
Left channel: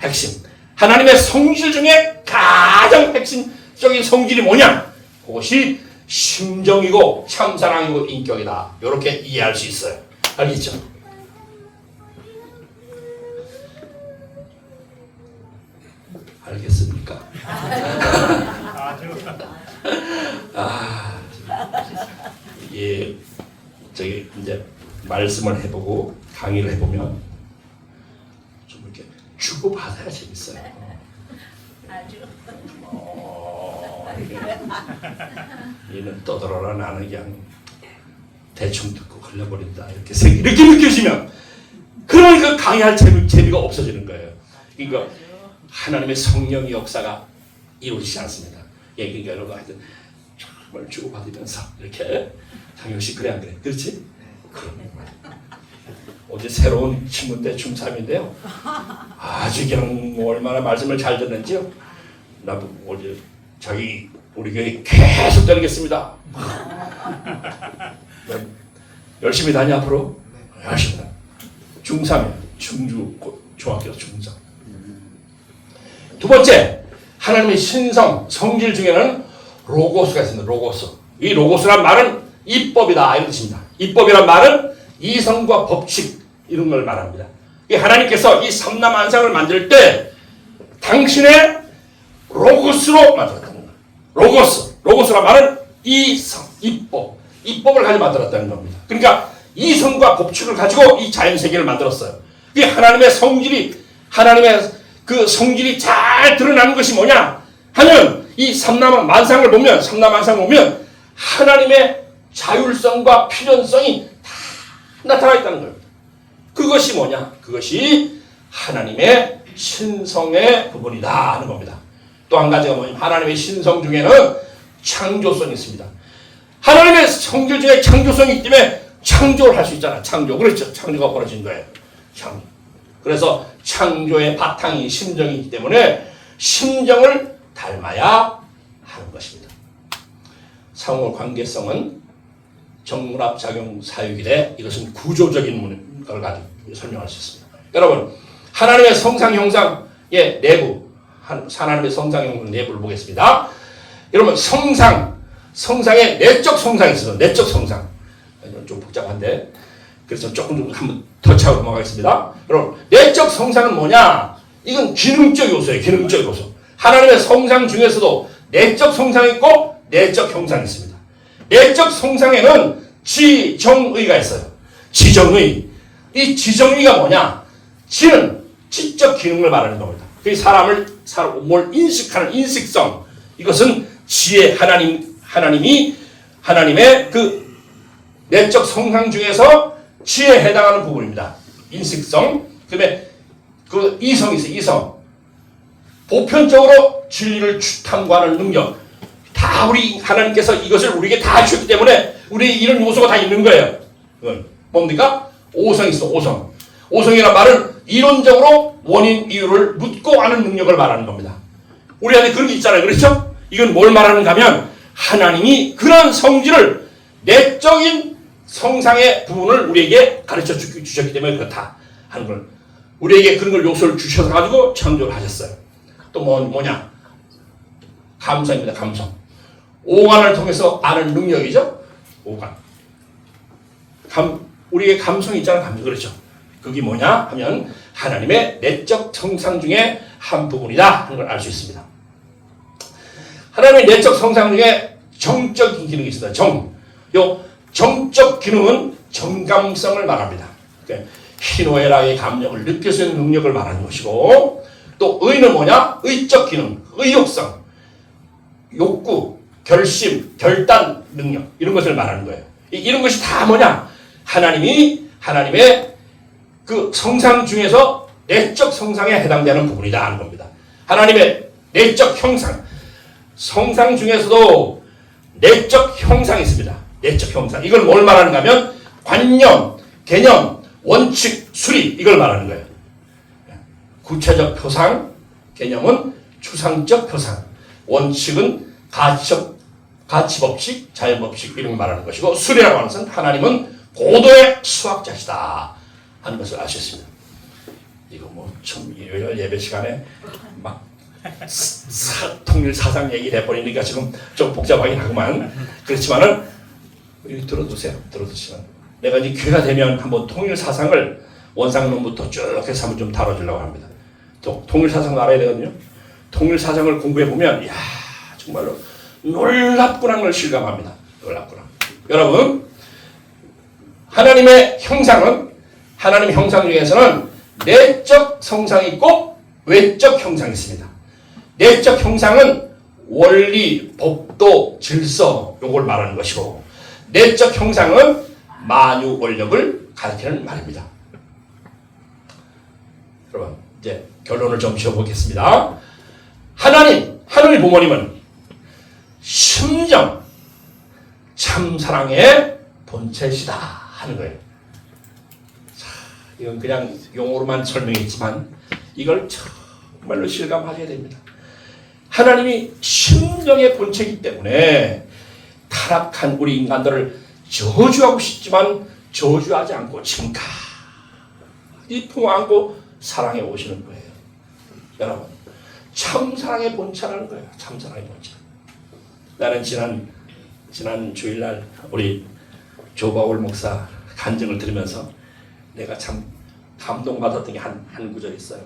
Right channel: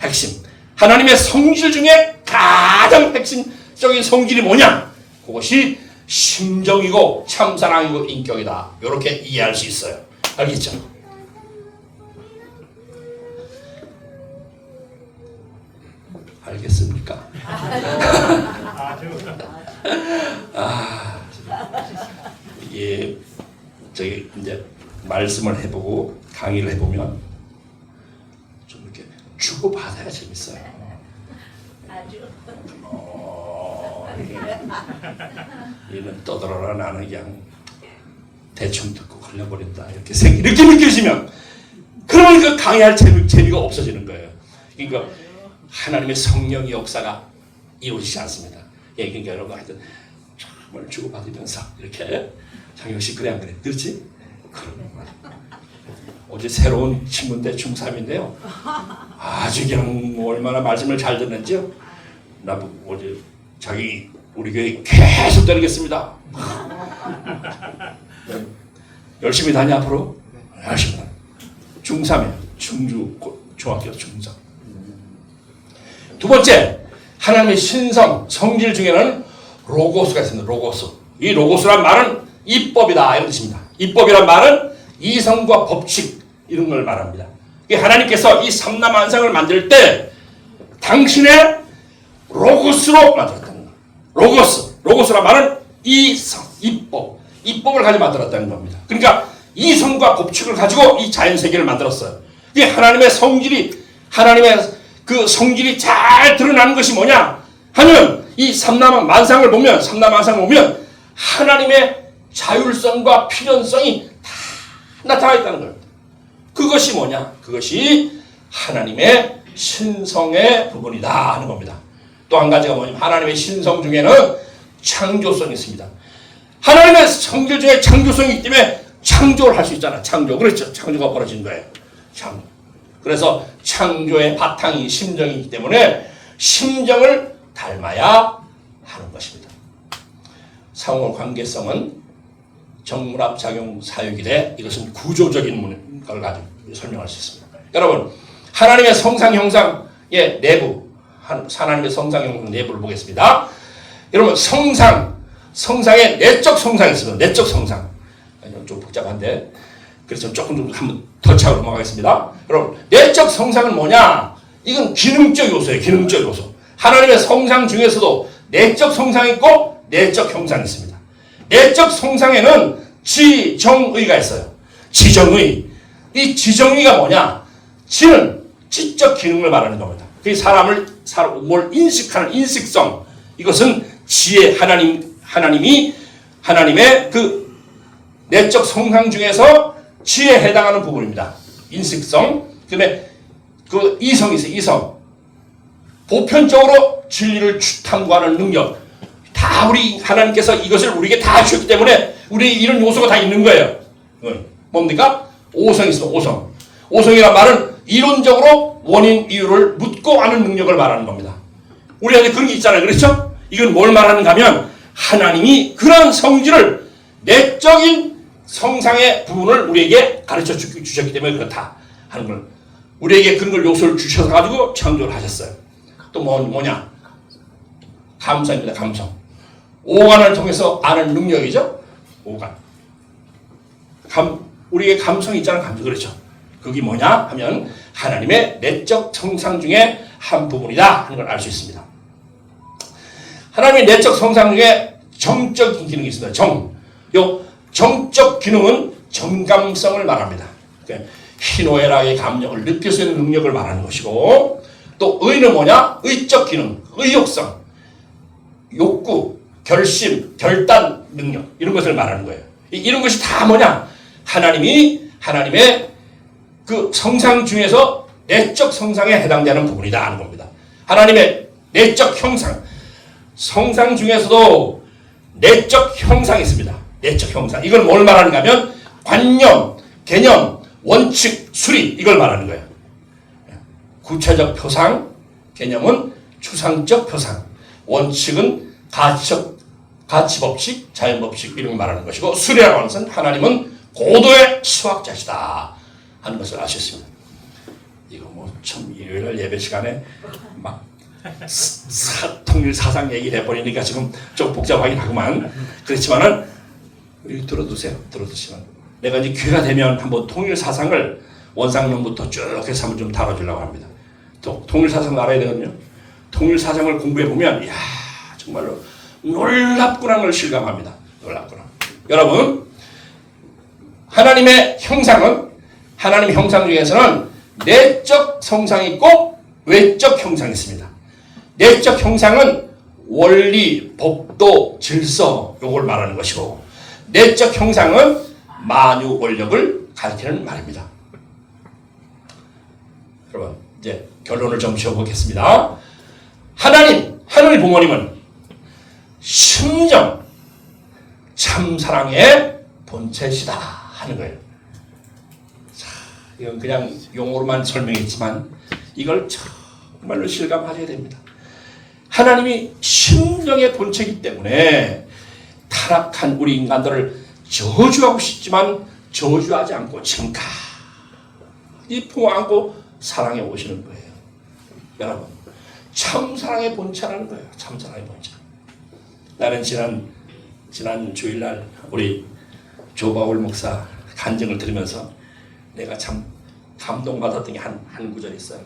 핵심. 하나님의 성질 중에 가장 핵심적인 성질이 뭐냐? 그것이 심정이고 참사랑이고 인격이다. 이렇게 이해할 수 있어요. 알겠죠? 알겠습니까? 이게 저기 이제 말씀을 해보고 강의를 해보면 좀 이렇게 주고 받아야 재밌어요. 얘는 떠들어라, 나는 그냥 대충 듣고 걸려버린다, 이렇게 느껴지면 그러면 그 강의할 재미가 없어지는 거예요. 그러니까 하나님의 성령의 역사가 이루어지지 않습니다. 예, 그러니까 여러분 하여튼 정말 주고받으면서 이렇게 장영씨 그래 안 그래? 그렇지? 그러면 어제 새로운 친구인데 중3인데요. 아주 그냥 얼마나 말씀을 잘 듣는지요. 나보고 어제 우리 교회 계속 다니겠습니다. 열심히 다니 앞으로. 열심히 다니. 중3이에요. 중학교 중3. 두 번째, 하나님의 신성, 성질 중에는 로고스가 있습니다. 로고스. 이 로고스란 말은 이법이다, 이런 뜻입니다. 이법이란 말은 이성과 법칙, 이런 걸 말합니다. 하나님께서 이 삼라만상을 만들 때 당신의 로고스로 만들었다는 거예요. 로고스란 말은 이성, 이법을 가지고 만들었다는 겁니다. 그러니까 이성과 법칙을 가지고 이 자연세계를 만들었어요. 이게 하나님의 그 성질이 잘 드러나는 것이 뭐냐 하면 이 삼라만상을 보면 하나님의 자율성과 필연성이 다 나타나 있다는 겁니다. 그것이 뭐냐? 그것이 하나님의 신성의 부분이다 하는 겁니다. 또 한 가지가 뭐냐면 하나님의 신성 중에는 창조성이 있습니다. 하나님의 성질 중에 창조성이 있기 때문에 창조를 할 수 있잖아. 그렇죠. 창조가 벌어진 거예요. 그래서 창조의 바탕이 심정이기 때문에 심정을 닮아야 하는 것입니다. 상호 관계성은 정납작용 사유기되 이것은 구조적인 걸 가지고 설명할 수 있습니다. 여러분, 하나님의 성상 형상의 내부, 하나님의 성상 형상 내부를 보겠습니다. 여러분, 성상의 내적 성상이 있습니다. 내적 성상. 좀 복잡한데 그래서 조금 한번 더 차고 넘어가겠습니다. 여러분, 내적 성상은 뭐냐? 이건 기능적 요소예요. 기능적 요소. 하나님의 성상 중에서도 내적 성상이 있고 내적 형상이 있습니다. 내적 성상에는 지정의가 있어요. 지정의. 이 지정의가 뭐냐? 지는 지적 기능을 말하는 겁니다. 그 사람을 뭘 인식하는 인식성, 이것은 지혜, 하나님의 그 내적 성상 중에서 지혜에 해당하는 부분입니다. 인식성. 그다음에 그 이성이 있어요. 이성. 보편적으로 진리를 탐구하는 능력. 다 우리 하나님께서 이것을 우리에게 다 주셨기 때문에 우리 이런 요소가 다 있는 거예요. 뭡니까? 오성이 있어. 오성. 오성이란 말은 이론적으로 원인 이유를 묻고 아는 능력을 말하는 겁니다. 우리한테 그런 게 있잖아요. 그렇죠? 이건 뭘 말하는가 하면 하나님이 그런 성질을 내적인 성상의 부분을 우리에게 가르쳐 주셨기 때문에 그렇다 하는 걸, 우리에게 그런 걸 요소를 주셔서 가지고 창조를 하셨어요. 또 뭐냐? 감성입니다. 감성. 오감을 통해서 아는 능력이죠. 오감. 우리의 감성이 있잖아요. 감성. 그렇죠. 그게 뭐냐 하면 하나님의 내적 성상 중에 한 부분이다 하는 걸 알 수 있습니다. 하나님의 내적 성상 중에 정적인 기능이 있습니다. 요 정적 기능은 정감성을 말합니다. 희노애락의 감정을 느낄 수 있는 능력을 말하는 것이고, 또 의는 뭐냐? 의적 기능, 의욕성, 욕구, 결심, 결단 능력, 이런 것을 말하는 거예요. 이런 것이 다 뭐냐? 하나님의 그 성상 중에서 내적 성상에 해당되는 부분이다 하는 겁니다. 하나님의 내적 형상, 성상 중에서도 내적 형상이 있습니다. 내적 형상. 이걸 뭘 말하는가 하면 관념, 개념, 원칙, 수리, 이걸 말하는 거예요. 구체적 표상, 개념은 추상적 표상, 원칙은 가치법칙, 자연법칙, 이런 걸 말하는 것이고, 수리라고 하는 것은 하나님은 고도의 수학자시다 하는 것을 아셨습니다. 이거 뭐 참 일요일 예배 시간에 막 통일 사상 얘기를 해버리니까 지금 좀 복잡하긴 하구만. 그렇지만은 들어두세요. 들어두시면 내가 이제 기회가 되면 한번 통일 사상을 원상론부터 쭉 해서 한번 좀 다뤄주려고 합니다. 또 통일 사상 알아야 되거든요. 통일 사상을 공부해 보면 이야 정말로 놀랍구나 걸 실감합니다. 놀랍구나. 여러분, 하나님의 형상은, 하나님의 형상 중에서는 내적 성상이 있고 외적 형상이 있습니다. 내적 형상은 원리, 법도, 질서, 요걸 말하는 것이고, 내적 형상은 만유 원력을 가리키는 말입니다. 여러분, 이제 결론을 좀 지어보겠습니다. 하늘의 부모님은 심정, 참사랑의 본체시다 하는 거예요. 자, 이건 그냥 용어로만 설명했지만 이걸 정말로 실감하셔야 됩니다. 하나님이 심정의 본체이기 때문에 타락한 우리 인간들을 저주하고 싶지만 저주하지 않고 지금까지 품어안고 사랑해 오시는 거예요. 여러분, 참사랑의 본체라는 거예요. 참사랑의 본체. 나는 지난 주일날 우리 조바울 목사 간증을 들으면서 내가 참 감동받았던 게 한 구절이 있어요.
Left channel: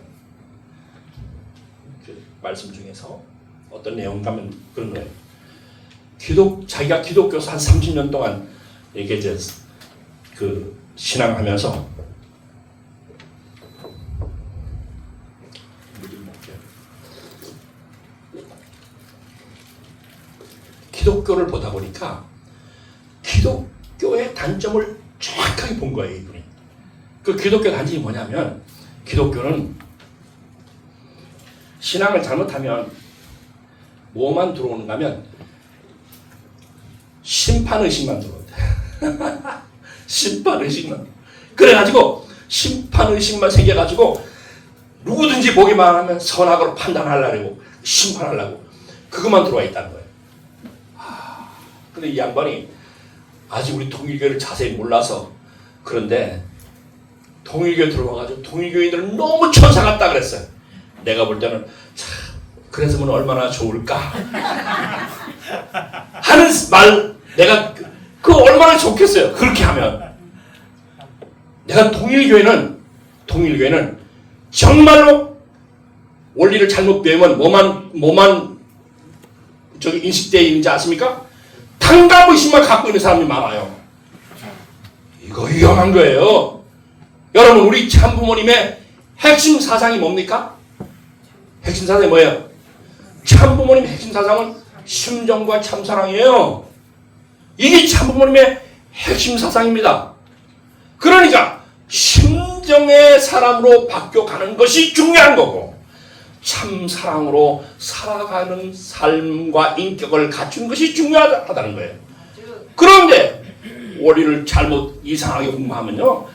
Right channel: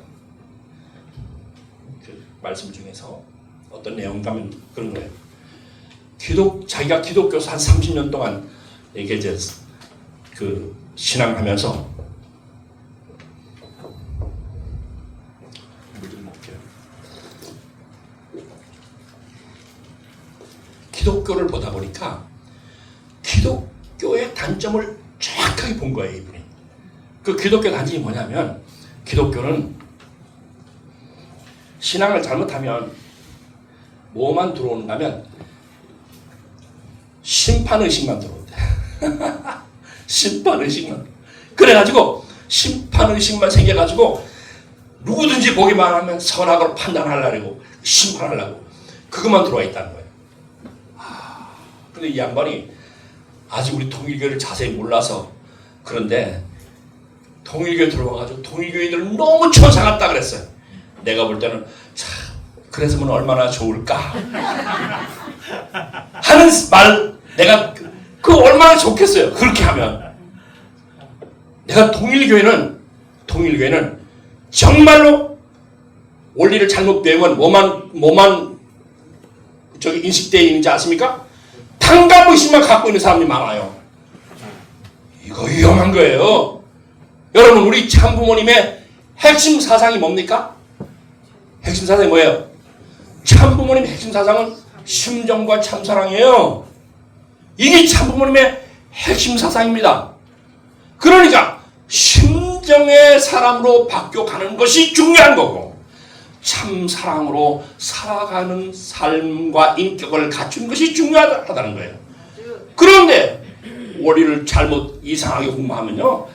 그 말씀 중에서 어떤 내용인가 하면 그런 거예요. 자기가 기독교에서 한 30년 동안 이게 이제 그 신앙하면서 기독교를 보다 보니까 기독교의 단점을 정확하게 본 거예요, 이분이. 그 기독교 단점이 뭐냐면, 기독교는 신앙을 잘못하면 뭐만 들어오는가 하면 심판의식만 들어온대. 심판의식만. 그래가지고 심판의식만 생겨가지고 누구든지 보기만 하면 선악으로 판단하려고, 심판하려고 그것만 들어와 있다는 거예요. 근데 이 양반이 아직 우리 통일교를 자세히 몰라서 그런데 통일교에 들어와가지고 통일교인들은 너무 천사 같다 그랬어요. 내가 볼 때는 참 그랬으면 얼마나 좋을까 하는 말, 내가 그 얼마나 좋겠어요. 그렇게 하면 내가 통일교회는 정말로 원리를 잘못 배우면 뭐만 저기 인식되어 있는지 아십니까? 탕감의식만 갖고 있는 사람이 많아요. 이거 위험한 거예요. 여러분, 우리 참부모님의 핵심 사상이 뭡니까? 핵심 사상이 뭐예요? 참부모님의 핵심 사상은 심정과 참사랑이에요. 이게 참부모님의 핵심 사상입니다. 그러니까 심정의 사람으로 바뀌어가는 것이 중요한 거고 참사랑으로 살아가는 삶과 인격을 갖춘 것이 중요하다는 거예요. 그런데 원리를 잘못 이상하게 공부하면요,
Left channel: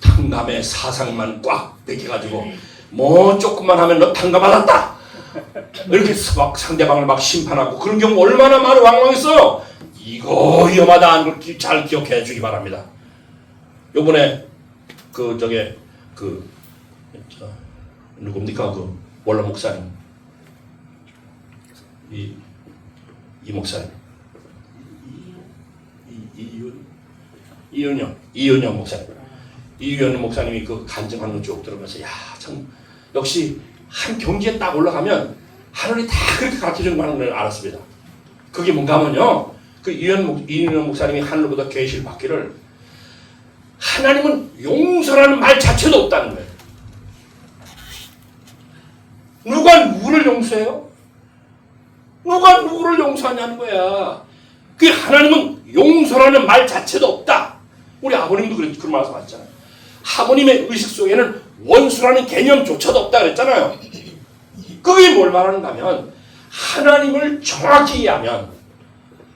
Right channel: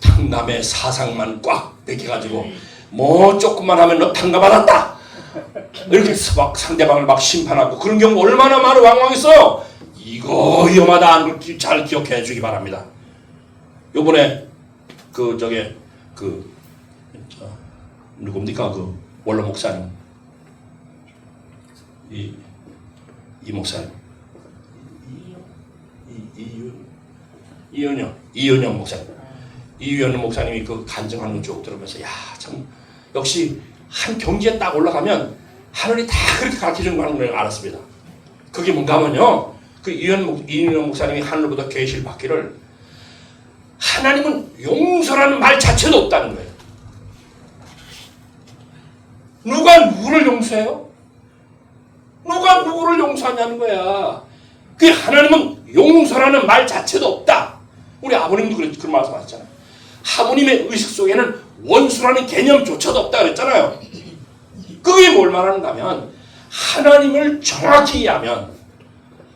탕감의 사상만 꽉 베껴가지고 뭐 조금만 하면 너 탕감받았다 이렇게 막 상대방을 막 심판하고 그런 경우 얼마나 많은 왕왕 있어요. 이거 위험하다 하는 걸 잘 기억해 주기 바랍니다. 요번에 누굽니까? 그 원로 목사님, 이 목사님, 이은영 목사님, 이은영 목사님이 그 간증하는 거 쭉 들으면서 야, 참 역시 한 경지에 딱 올라가면 하늘이 다 그렇게 가르쳐준 걸 알았습니다. 그게 뭔가 하면요, 그 이은영 목사님이 하늘보다 계시를 받기를 하나님은 용서라는 말 자체도 없다는 거예요. 누가 누구를 용서해요? 누가 누구를 용서하냐는 거야. 그 하나님은 용서라는 말 자체도 없다. 우리 아버님도 그런 말씀하셨잖아요. 하모님의 의식 속에는 원수라는 개념조차도 없다 그랬잖아요. 그게 뭘 말하는가 하면 하나님을 정확히 이해하면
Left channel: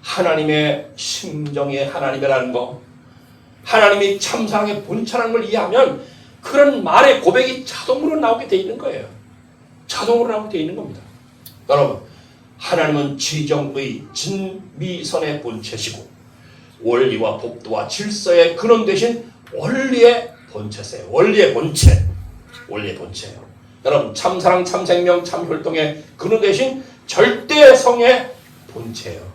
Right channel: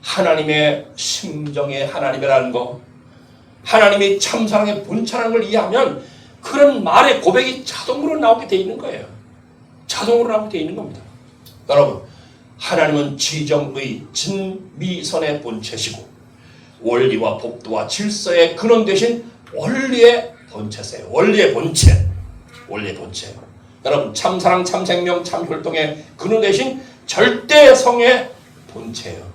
하나님의 심정의 하나님이라는 거, 하나님의 참사랑의 본체라는 걸 이해하면 그런 말의 고백이 자동으로 나오게 돼 있는 거예요. 자동으로 나오게 돼 있는 겁니다. 여러분, 하나님은 지정의 진미선의 본체시고 원리와 법도와 질서의 근원 되신 원리의 본체세요. 원리의 본체. 여러분, 참사랑, 참생명, 참혈통의 근원 되신 절대성의 본체예요.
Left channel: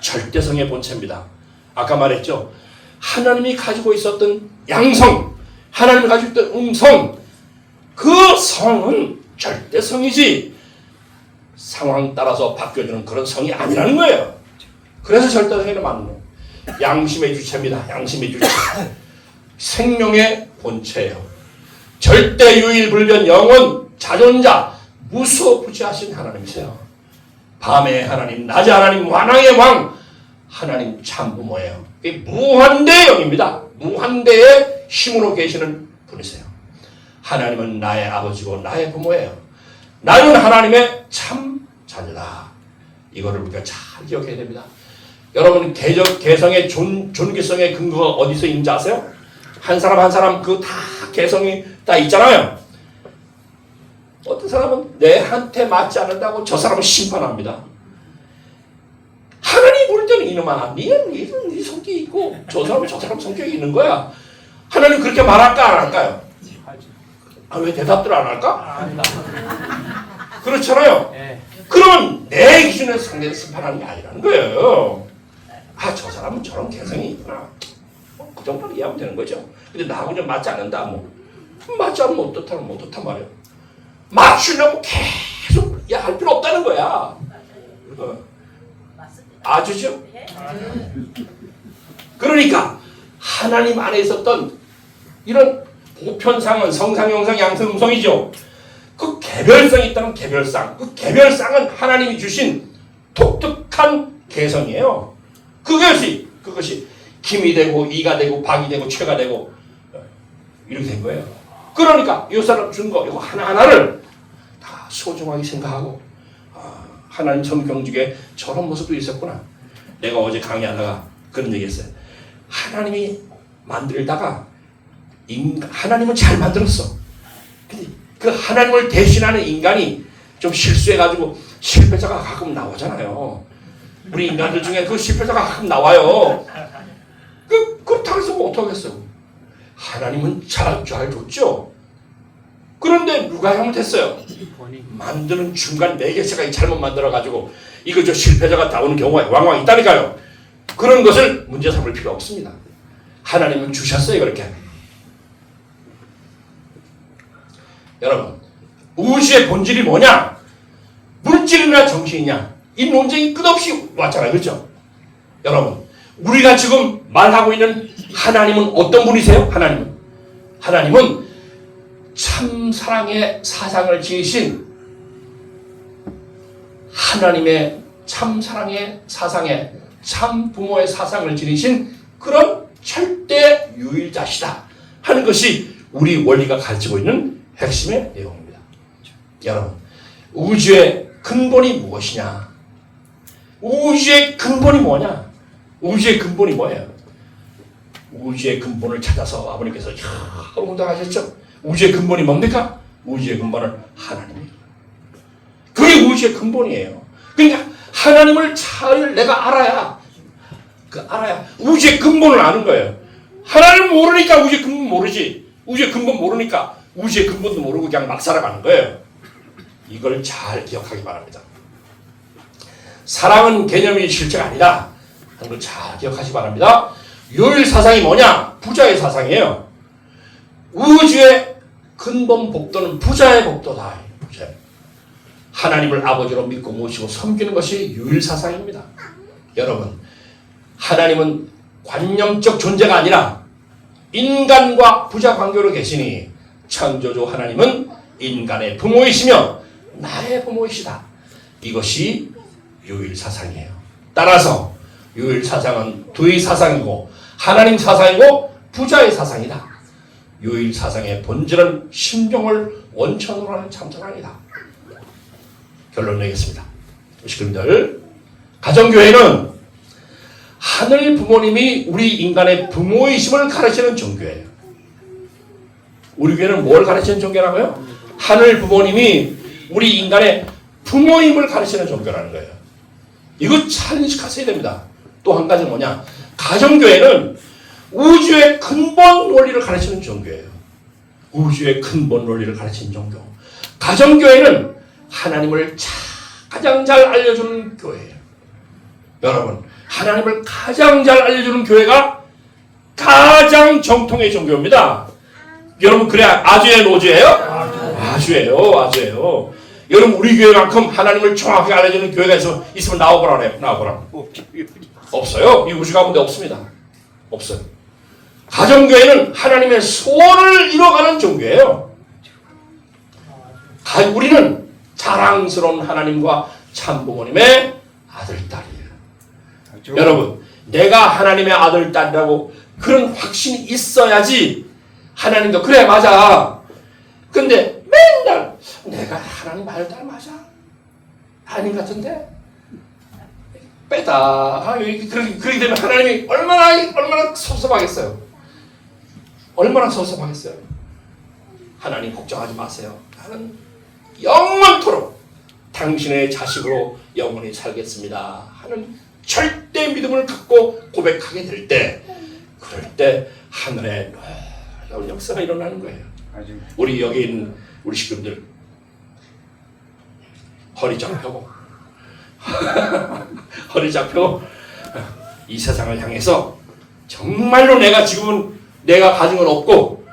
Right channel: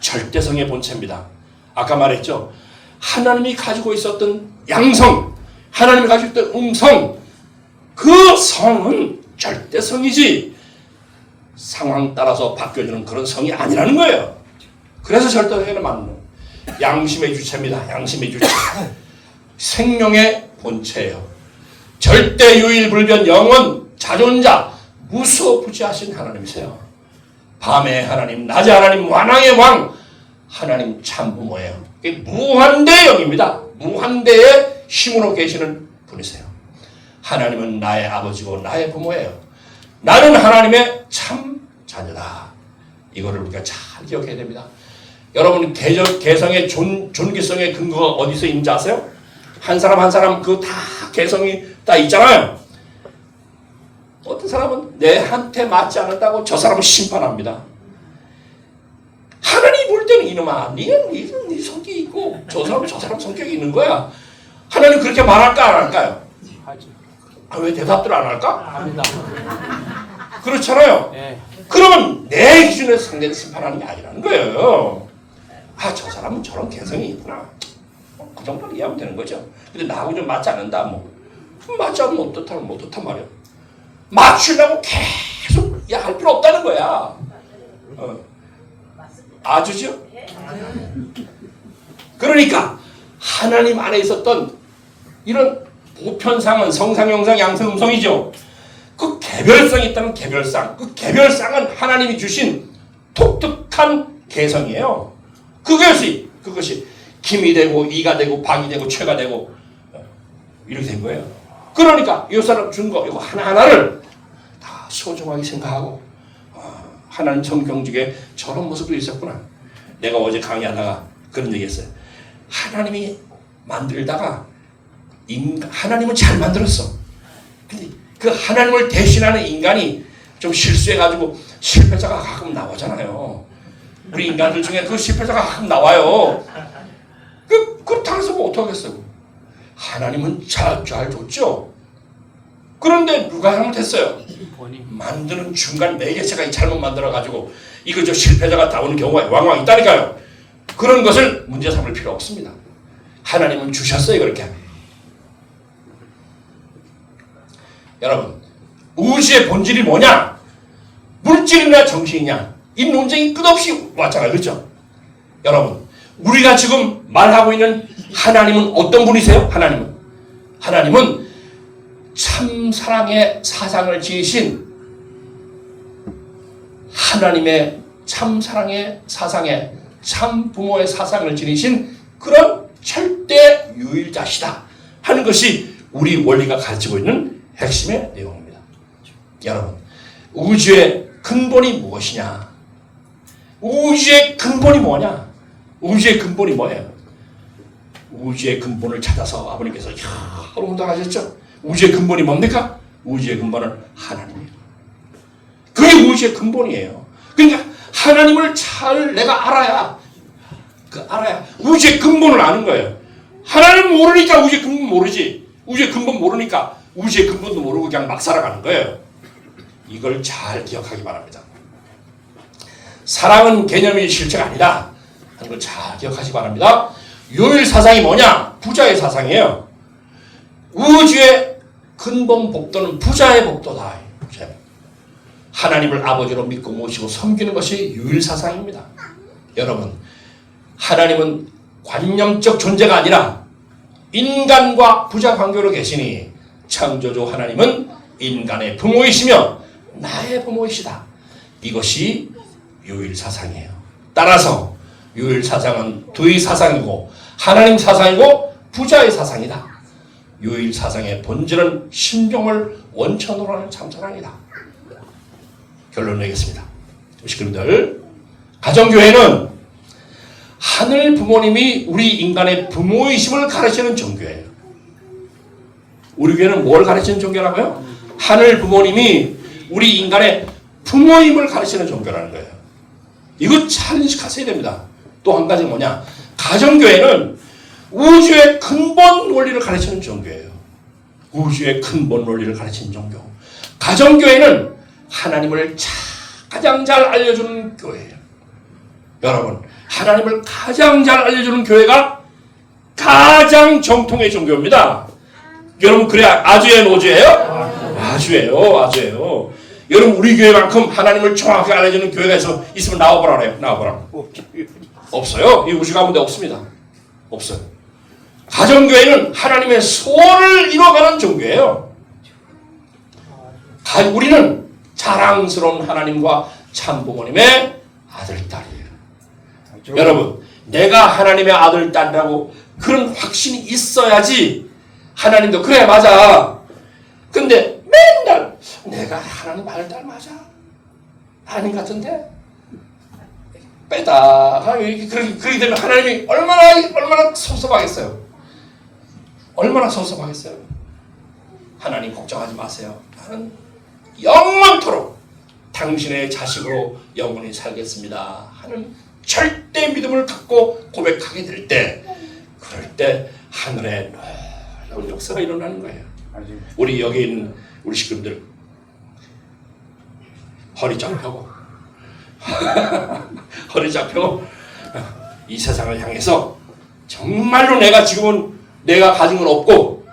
절대성의 본체입니다. 아까 말했죠. 하나님이 가지고 있었던 양성, 하나님이 가지고 있던 음성, 그 성은 절대성이지 상황 따라서 바뀌어지는 그런 성이 아니라는 거예요. 그래서 절대성에는 맞는 거예요. 양심의 주체입니다. 양심의 주체. 생명의 본체예요. 절대 유일불변 영원 자존자 무소부지하신 하나님이세요. 밤의 하나님, 낮의 하나님, 왕왕의 왕, 하나님 참부모예요. 무한대의 영입니다. 무한대의 힘으로 계시는 분이세요. 하나님은 나의 아버지고 나의 부모예요. 나는 하나님의 참 자녀다. 이거를 우리가 잘 기억해야 됩니다. 여러분, 개성의 존귀성의 근거가 어디서 있는지 아세요? 한 사람 한 사람 그 다 개성이 다 있잖아요. 어떤 사람은 내한테 맞지 않는다고 저 사람을 심판합니다. 하나님이 볼 때는 이놈아, 네 성격이 있고 저 사람은 저 사람 성격이 있는 거야. 하나님 그렇게 말할까 안 할까요? 왜 대답들 안 할까? 그렇잖아요. 그러면 내 기준에서 상대를 심판하는 게 아니라는 거예요. 저 사람은 저런 개성이 있구나. 그 정도로 이해하면 되는 거죠. 근데 나하고 좀 맞지 않는다. 맞지 않으면 어떻단 말이에요. 맞추려고 계속 할 필요 없다는 거야. 아주죠? 그러니까 하나님 안에 있었던 이런 보편상은 성상, 영상, 양성, 음성이죠. 그 개별성이 있다는 개별상. 그 개별상은 하나님이 주신 독특한 개성이에요. 그것이 김이 되고 이가 되고 박이 되고 최가 되고 이렇게 된 거예요. 그러니까 이 사람 준 거 이거 하나하나를 다 소중하게 생각하고 하나님 성경 중에 저런 모습도 있었구나. 내가 어제 강의하다가 그런 얘기했어요. 하나님이 만들다가 하나님은 잘 만들었어. 근데 그 하나님을 대신하는 인간이 좀 실수해가지고 실패자가 가끔 나오잖아요. 우리 인간들 중에 그 실패자가 가끔 나와요. 그렇다고 해서 뭐 어떡하겠어요. 하나님은 잘 줬죠. 그런데 누가 잘못했어요? 만드는 중간 매개체가 잘못 만들어가지고 이거 저 실패자가 나오는 경우가 왕왕 있다니까요. 그런 것을 문제 삼을 필요 없습니다. 하나님은 주셨어요. 그렇게. 여러분, 우주의 본질이 뭐냐? 물질이냐 정신이냐? 이 논쟁이 끝없이 왔잖아요. 그렇죠? 여러분, 우리가 지금 말하고 있는 하나님은 어떤 분이세요? 하나님은 참 사랑의 사상을 지으신 하나님의 참 사랑의 사상에 참 부모의 사상을 지니신 그런 절대 유일자시다 하는 것이 우리 원리가 가르치고 있는 핵심의 내용입니다. 여러분, 우주의 근본이 무엇이냐? 우주의 근본이 뭐냐? 우주의 근본이 뭐예요? 우주의 근본을 찾아서 아버님께서 여러 번 하셨죠? 우주의 근본이 뭡니까? 우주의 근본은 하나님이에요. 그게 우주의 근본이에요. 그러니까 하나님을 잘 내가 알아야 우주의 근본을 아는 거예요. 하나님 모르니까 우주의 근본 모르지. 우주의 근본 모르니까 우주의 근본도 모르고 그냥 막 살아가는 거예요. 이걸 잘 기억하기 바랍니다. 사랑은 개념이 실체가 아니라 하는 걸 잘 기억하시기 바랍니다. 요일 사상이 뭐냐? 부자의 사상이에요. 우주의 근본 복도는 부자의 복도다. 하나님을 아버지로 믿고 모시고 섬기는 것이 유일 사상입니다. 여러분, 하나님은 관념적 존재가 아니라 인간과 부자 관계로 계시니 창조주 하나님은 인간의 부모이시며 나의 부모이시다. 이것이 유일 사상이에요. 따라서 유일 사상은 두의 사상이고 하나님 사상이고 부자의 사상이다. 유일 사상의 본질은 신병을 원천으로 하는 참사랑이다. 결론 내겠습니다. 식구들, 가정교회는 하늘 부모님이 우리 인간의 부모이심을 가르치는 종교예요. 우리 교회는 뭘 가르치는 종교라고요? 하늘 부모님이 우리 인간의 부모임을 가르치는 종교라는 거예요. 이거 잘 인식하셔야 됩니다. 또 한 가지 뭐냐? 가정교회는 우주의 근본 원리를 가르치는 종교예요. 우주의 근본 원리를 가르치는 종교. 가정교회는 하나님을 가장 잘 알려주는 교회예요. 여러분, 하나님을 가장 잘 알려주는 교회가 가장 정통의 종교입니다. 여러분, 그래야 아주예요, 노주예요? 아주예요. 여러분, 우리 교회만큼 하나님을 정확히 알려주는 교회가 있으면 나와보라래요. 나와보라. 없어요. 이 우주 가운데 없습니다. 없어요. 가정교회는 하나님의 소원을 이뤄가는 종교예요. 우리는 자랑스러운 하나님과 참부모님의 아들, 딸이에요. 여러분, 내가 하나님의 아들, 딸이라고 그런 확신이 있어야지 하나님도 그래, 맞아. 근데 맨날 내가 하나님 아들, 딸 맞아? 하나님 같은데? 빼다. 그렇게 되면 하나님이 얼마나 섭섭하겠어요. 얼마나 섭섭하겠어요. 하나님 걱정하지 마세요. 나는 영원토록 당신의 자식으로 영원히 살겠습니다 하는 절대 믿음을 갖고 고백하게 될 때, 그럴 때 하늘에 놀라운 역사가 일어나는 거예요. 우리 여기 있는 우리 식구들 허리 잡혀고 허리 잡혀 이 세상을 향해서 정말로 내가 지금은 내가 가진 건 없고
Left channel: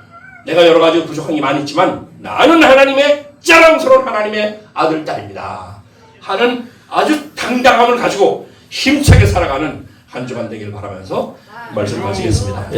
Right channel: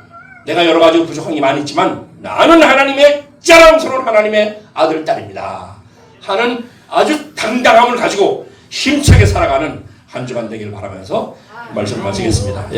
내가 여러 가지 부족한 게 많이 있지만 나는 하나님의 자랑스러운 하나님의 아들, 딸입니다 하는 아주 당당함을 가지고 힘차게 살아가는 한 주간 되기를 바라면서 말씀을 마치겠습니다.